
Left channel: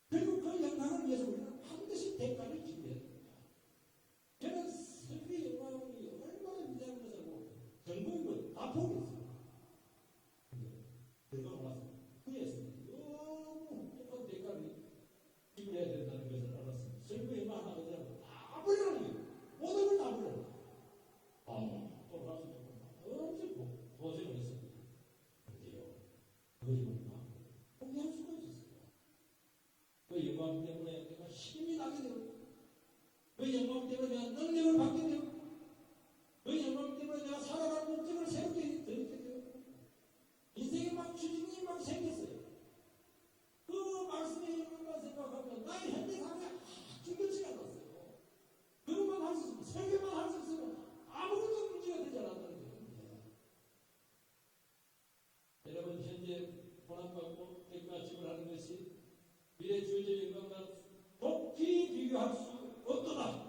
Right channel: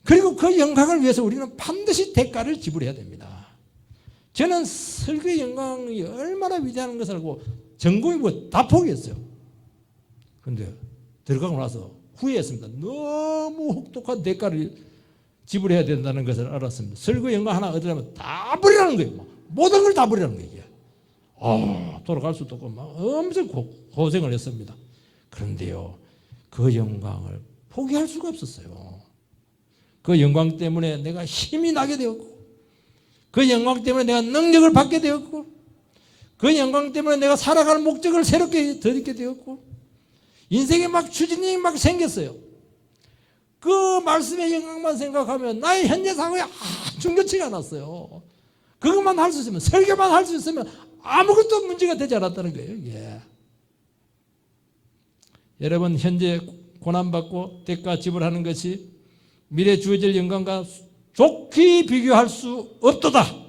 그리고 그 영광을 위해서 우리는 반드시 대가를 지불해야 됩니다. 저는 설교의 영광이 얼마나 위대한 것을 알고 전공이고 다 포기했어요. 그런데 들어가고 나서 후회했습니다. 너무 혹독한 대가를 지불해야 된다는 것을 알았습니다. 설교 영광 하나 얻으려면 다 버리라는 거예요. 모든 걸 다 버리라는 거예요. 돌아갈 수도 없고 막 엄청 고생을 했습니다. 그런데요, 그 영광을 포기할 수가 없었어요. 그 영광 때문에 내가 힘이 나게 되었고, 그 영광 때문에 내가 능력을 받게 되었고, 그 영광 때문에 내가 살아갈 목적을 새롭게 덧입게 되었고, 인생에 막 추진이 막 생겼어요. 그 말씀의 영광만 생각하면 나의 현재 상황이 중요치가 않았어요. 그것만 할 수 있으면, 설교만 할 수 있으면 아무것도 문제가 되지 않았다는 거예요. 이게. 여러분, 현재 고난받고 대가 지불하는 것이 미래 주어질 영광과 좋게 비교할 수 없도다.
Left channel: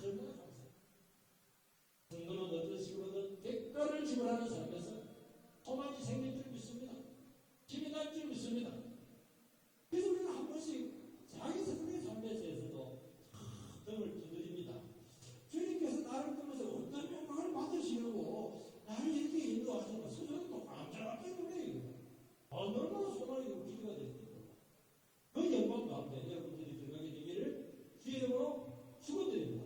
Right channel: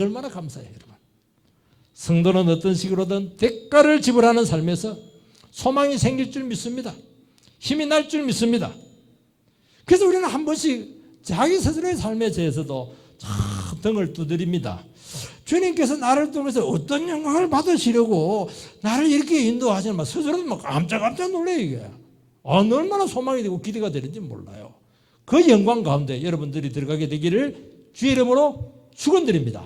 얼마나 감사해요, 여러분. 성도는 어떤 식으로든 대가를 지불하는 삶에서 소망이 생길 줄 믿습니다. 힘이 날 줄 믿습니다. 그래서 우리는 한 번씩 자기 스스로의 삶에 대해서도 참 등을 두드립니다. 주님께서 나를 통해서 어떤 영광을 받으시려고 나를 이렇게 인도하시는 스스로도 막 깜짝깜짝 놀래요. 이게 얼마나 소망이 되고 기대가 되는지 몰라요. 그 영광 가운데 여러분들이 들어가게 되기를 주의 이름으로 축원드립니다.